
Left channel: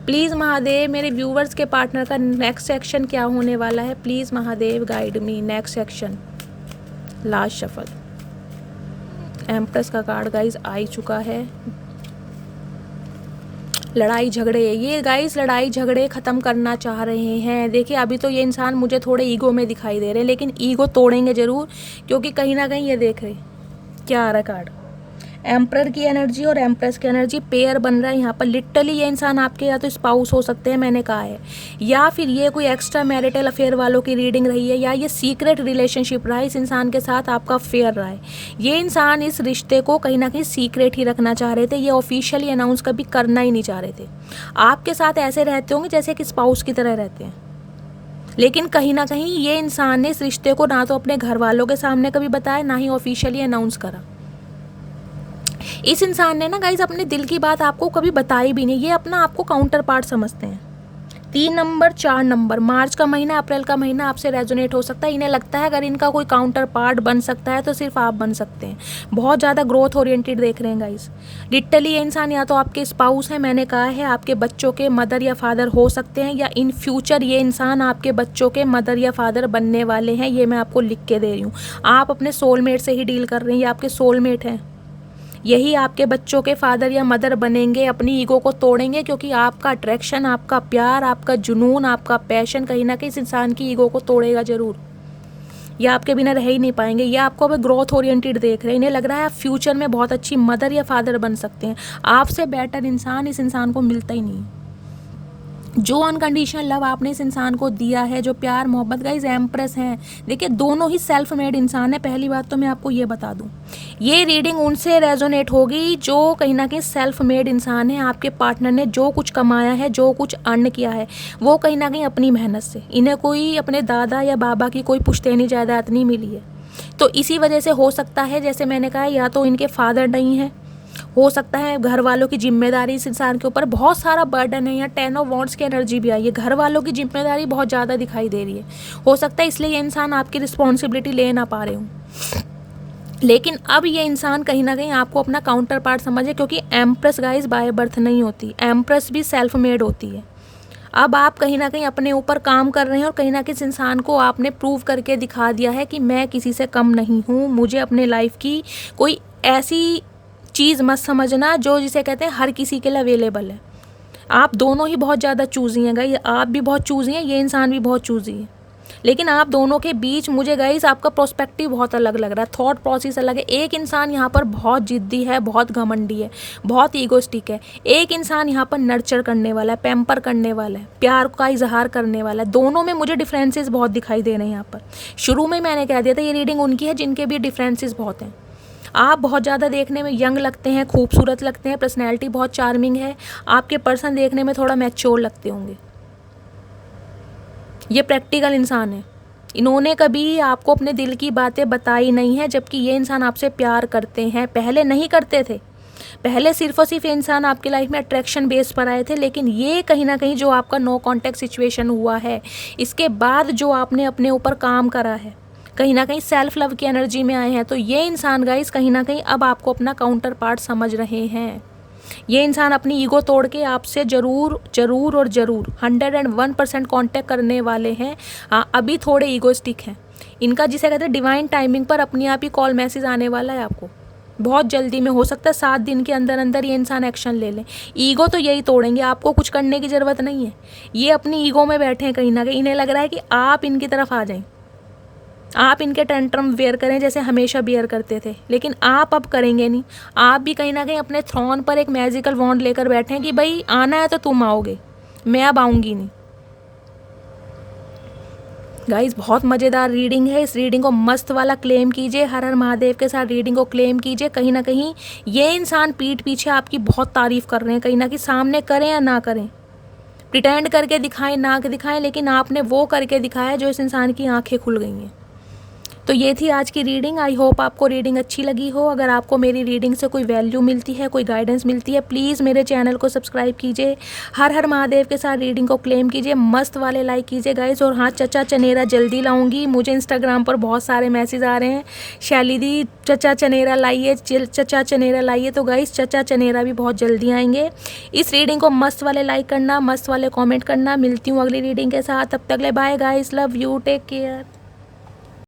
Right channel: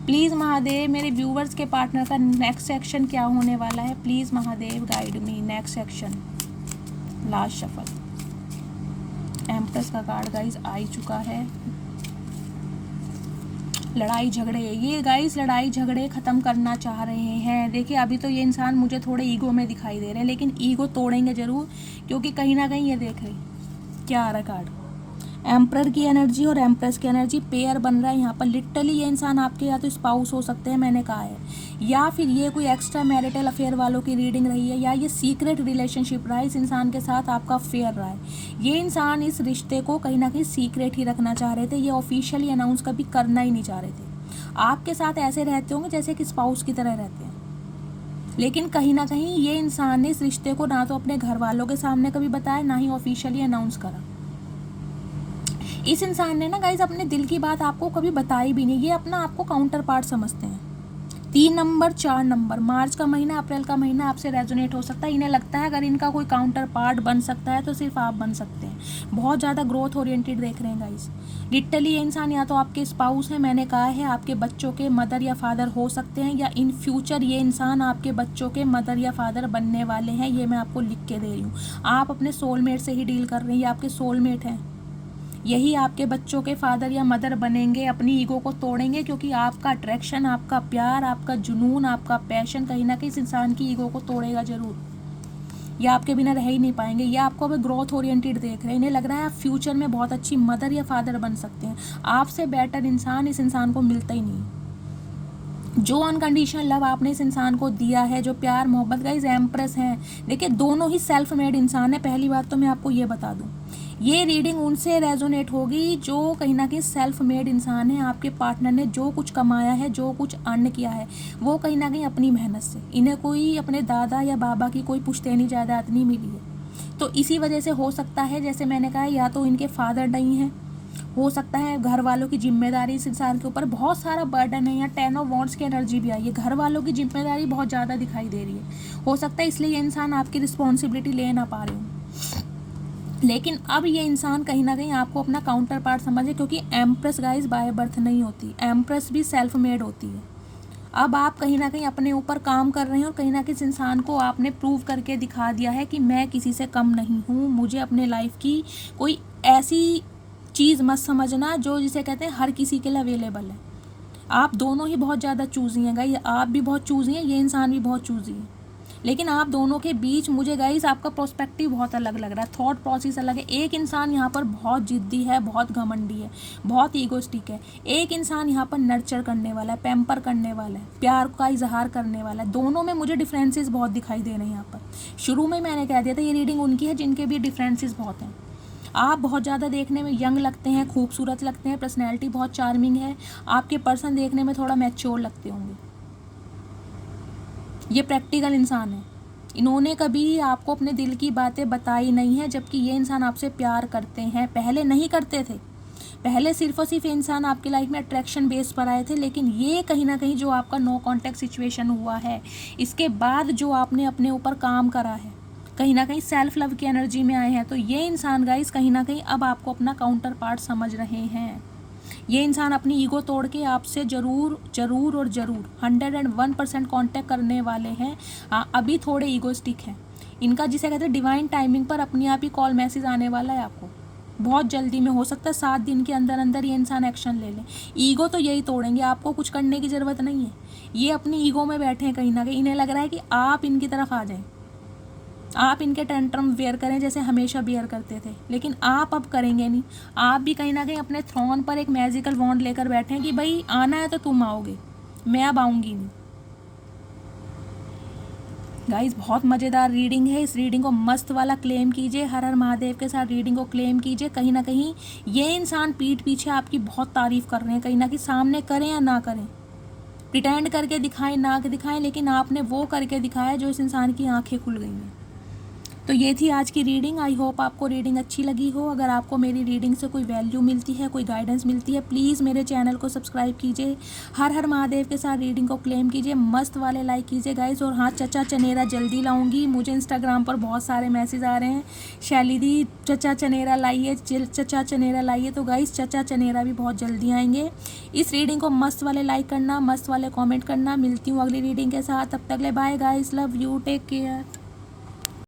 प्लीज़ महादेव मेरे व्यूवर्स के पार्टनर का नेक्स्ट एक्शन क्या होने वाला है, please Mahadev guide me. Next action, last shuffle, empress का कार्ड गाइज आ ही चुका है। लड़ाई झगड़े, ये गाइज लड़ाई झगड़े ख़त्म करना चाह रहे हैं। देखिए अभी तो ये इंसान मुझे थोड़े ईगो में दिखाई दे रहे हैं, लेकिन ईगो तोड़ेंगे ज़रूर, क्योंकि कहीं ना कहीं ये देख रहे क्या आ रहा कार्ड, एम्परर की एनर्जी और एम्प्रेस की एनर्जी पेयर बन रहा है यहाँ पर। लिटरली ये इंसान आपके या तो स्पाउस हो सकते हैं, मैंने कहा है, या फिर ये कोई एक्स्ट्रा मैरिटल अफेयर वालों की रीडिंग रही है, या ये सीक्रेट रिलेशनशिप रहा है। इस इंसान के साथ आपका अफेयर रहा है। ये इंसान इस रिश्ते को कहीं ना कहीं सीक्रेट ही रखना चाह रहे थे, ये ऑफिशियली अनाउंस कभी करना ही नहीं चाह रहे थे। आपके साथ ऐसे रहते होंगे जैसे कि स्पाउस की तरह रहते हैं, लेकिन कहीं ना कहीं ये इंसान ने इस रिश्ते को ना तो अपने घर वालों के सामने कभी बताया, ना ही ऑफिशियली अनाउंस करा। इस इंसान ने ना गाइज अपने दिल की बात आपको कभी बताई भी नहीं। ये अपना आपको काउंटर पार्ट समझते हैं, 3 नंबर 4 नंबर, मार्च का महीना, अप्रैल का महीना आपसे रेजोनेट हो सकता है। इन्हें लगता है अगर इनका कोई काउंटर पार्ट बन सकता है तो सिर्फ आप बन सकते हैं। बहुत ज़्यादा ग्रोथ ओरिएंटेड देख रहे हैं गाइस। लिटरली ये इंसान या तो आपके स्पाउस है, मैंने कहा है आपके बच्चों के मदर या फादर हो सकते हैं, या इन फ्यूचर ये इंसान आपके बच्चों के मदर या फादर बनने वाले हैं। ये मैं आपको लिख के दे रही हूँ। आप अपने सोलमेट से ही डील कर रहे हैं, ये आपके सोलमेट हैं। यही आपके बच्चों के फादर या मदर बनेंगे, अपनी ईगो को तोड़ेंगे, क्योंकि आपका अट्रैक्शन, आपका प्यार, आपका जुनून, आपका पैशन कहीं ना कहीं इस इंसान की ईगो को तोड़ेगा ज़रूर। ये आपके बिना रह ही नहीं पाएंगे। ये आपको अब ग्रोथ ओरिएंटेड देख रहे हैं। इन्हें लग रहा है आप फ्यूचर में बहुत अच्छी मदर या फादर बन सकते हैं। आपसे बेटर इंसान इस इंसान को मिलता ही नहीं है। जो अनकंडीशनल लव आपने इस इंसान को दिया है, जो प्यार मोहब्बत, गाइस एम्प्रेस हैं। देखिए दोनों ही सेल्फ मेड इंसान है। पहली बात तो मैं आपको ये बता दूं, ये रीडिंग उनसे रेजोनेट होगी जो कहीं ना कहीं सेल्फ मेड इंसान है। आपके पार्टनर ने जो कुछ कमाया है, जो कुछ अर्न किया है, वो कहीं ना कहीं अपनी मेहनत से। इन्हें कोई अपने दादा या बाबा की कोई पुश्तैनी जायदाद नहीं मिली है। तो इसी वजह से हो सकता है, जैसे मैंने कहा, या तो इनके फादर नहीं है, हो सकता है घर वालों की जिम्मेदारी इस इंसान के ऊपर बहुत सारा बर्डन है। या 10 ऑफ वॉन्ड्स की एनर्जी भी आई है। घर वालों की जिम्मेदारी बहुत ज़्यादा दिखाई दे रही है। हो सकता है इसलिए ये इंसान आपकी रिस्पॉन्सिबिलिटी ले ना पा रहे हो। लेकिन अब ये इंसान कहीं ना कहीं आपको अपना काउंटर पार्ट समझे, क्योंकि एम्प्रेस गाइस बाय बर्थ नहीं होती, एम्प्रेस भी सेल्फ मेड होती है। अब आप कहीं ना कहीं अपने ऊपर काम कर रहे हैं और कहीं ना कहीं इस इंसान को आपने प्रूव करके दिखा दिया है कि मैं किसी से कम नहीं हूँ। मुझे अपने लाइफ की कोई ऐसी चीज़ मत समझना जो जिसे कहते हैं हर किसी के लिए अवेलेबल है। आप दोनों ही बहुत ज़्यादा चूज़ी हैं गाइस। आप भी बहुत चूज़ी हैं, ये इंसान भी बहुत चूज़ी है। लेकिन आप दोनों के बीच मुझे गाइस आपका प्रोस्पेक्टिव बहुत अलग लग रहा है, थॉट प्रोसेस अलग है। एक इंसान यहाँ पर बहुत जिद्दी है, बहुत घमंडी है, बहुत ईगोस्टिक है। एक इंसान यहाँ पर नर्चर करने वाला है, पैम्पर करने वाला है, प्यार का इजहार करने वाला है। दोनों में मुझे डिफरेंसेस बहुत दिखाई दे रहे हैं यहाँ पर। शुरू में मैंने कह दिया था ये रीडिंग उनकी है जिनके भी डिफरेंसेस बहुत हैं। आप बहुत ज़्यादा देखने में यंग लगते हैं, खूबसूरत लगते हैं, पर्सनैलिटी बहुत चार्मिंग है। आपके पर्सन देखने में थोड़ा मैच्योर लगते होंगे। ये प्रैक्टिकल इंसान है। इन्होंने कभी आपको अपने दिल की बातें बताई नहीं है, जबकि ये इंसान आपसे प्यार करते हैं। पहले नहीं करते थे, पहले सिर्फ और सिर्फ ये इंसान आपकी लाइफ में अट्रैक्शन बेस पर आए थे। लेकिन ये कहीं ना कहीं जो आपका नो कॉन्टैक्ट सिचुएशन हुआ है, इसके बाद जो आपने अपने ऊपर काम करा है, कहीं ना कहीं सेल्फ लव की एनर्जी में आए हैं, तो ये इंसान गाइस कहीं ना कहीं अब आपको अपना काउंटर पार्ट समझ रहे हैं। ये इंसान अपनी ईगो तोड़ के आपसे ज़रूर ज़रूर और ज़रूर 101% कॉन्टेक्ट करने वाले हैं। हाँ, अभी थोड़े ईगोस्टिक हैं। इनका जिसे कहते हैं डिवाइन टाइमिंग पर अपने आप ही कॉल मैसेज आने वाला है आपको बहुत जल्दी में। हो सकता है 7 दिन के अंदर अंदर ये इंसान एक्शन ले लें। ईगो तो यही तोड़ेंगे, आपको कुछ करने की ज़रूरत नहीं है। ये अपनी ईगो में बैठे हैं कहीं ना कहीं। इन्हें लग रहा है कि आप इनकी तरफ आ जाएं, आप इनके टेंट्रम वेयर करें जैसे हमेशा बियर करते थे। लेकिन आप अब करेंगे नहीं। आप भी कहीं ना कहीं अपने थ्रोन पर एक मैजिकल वॉन्ड लेकर बैठे हैं कि भाई आना है तो तुम आओगे, मैं अब आऊँगी नहीं। गाइस बहुत मज़ेदार रीडिंग है। इस रीडिंग को मस्त वाला क्लेम कीजिए, हर हर महादेव के साथ रीडिंग को क्लेम कीजिए। कहीं ना कहीं ये इंसान पीठ पीछे आपकी बहुत तारीफ़ कर रहे हैं। कहीं ना कहीं सामने करें या ना करें, प्रिटेंड करके दिखाएं ना दिखाएं, लेकिन आपने वो करके दिखाया जो इस इंसान की आंखें खुल गई हैं। तो ये थी आज की रीडिंग। आई होप आपको रीडिंग अच्छी लगी हो। अगर आपको मेरी रीडिंग से कोई वैल्यू मिलती है, कोई गाइडेंस मिलती है, प्लीज़ मेरे चैनल को सब्सक्राइब कीजिए, हर हर महादेव के साथ रीडिंग को क्लेम कीजिए, मस्त वाले लाइक कीजिए गाइस। और हाँ, चचा चनेरा जल्दी लाऊंगी। मुझे इंस्टाग्राम पर बहुत सारे मैसेज आ रहे हैं, शैली दी चचा चनेरा लाइए, चचा चनेरा लाइए। तो गाइस चचा चनेरा भी बहुत जल्दी आएंगे। इस रीडिंग को मस्त वाले लाइक करना, मस्त वाले कॉमेंट करना। मिलती हूँ अगली रीडिंग के साथ, तब तक ले bye guys, love you, take care.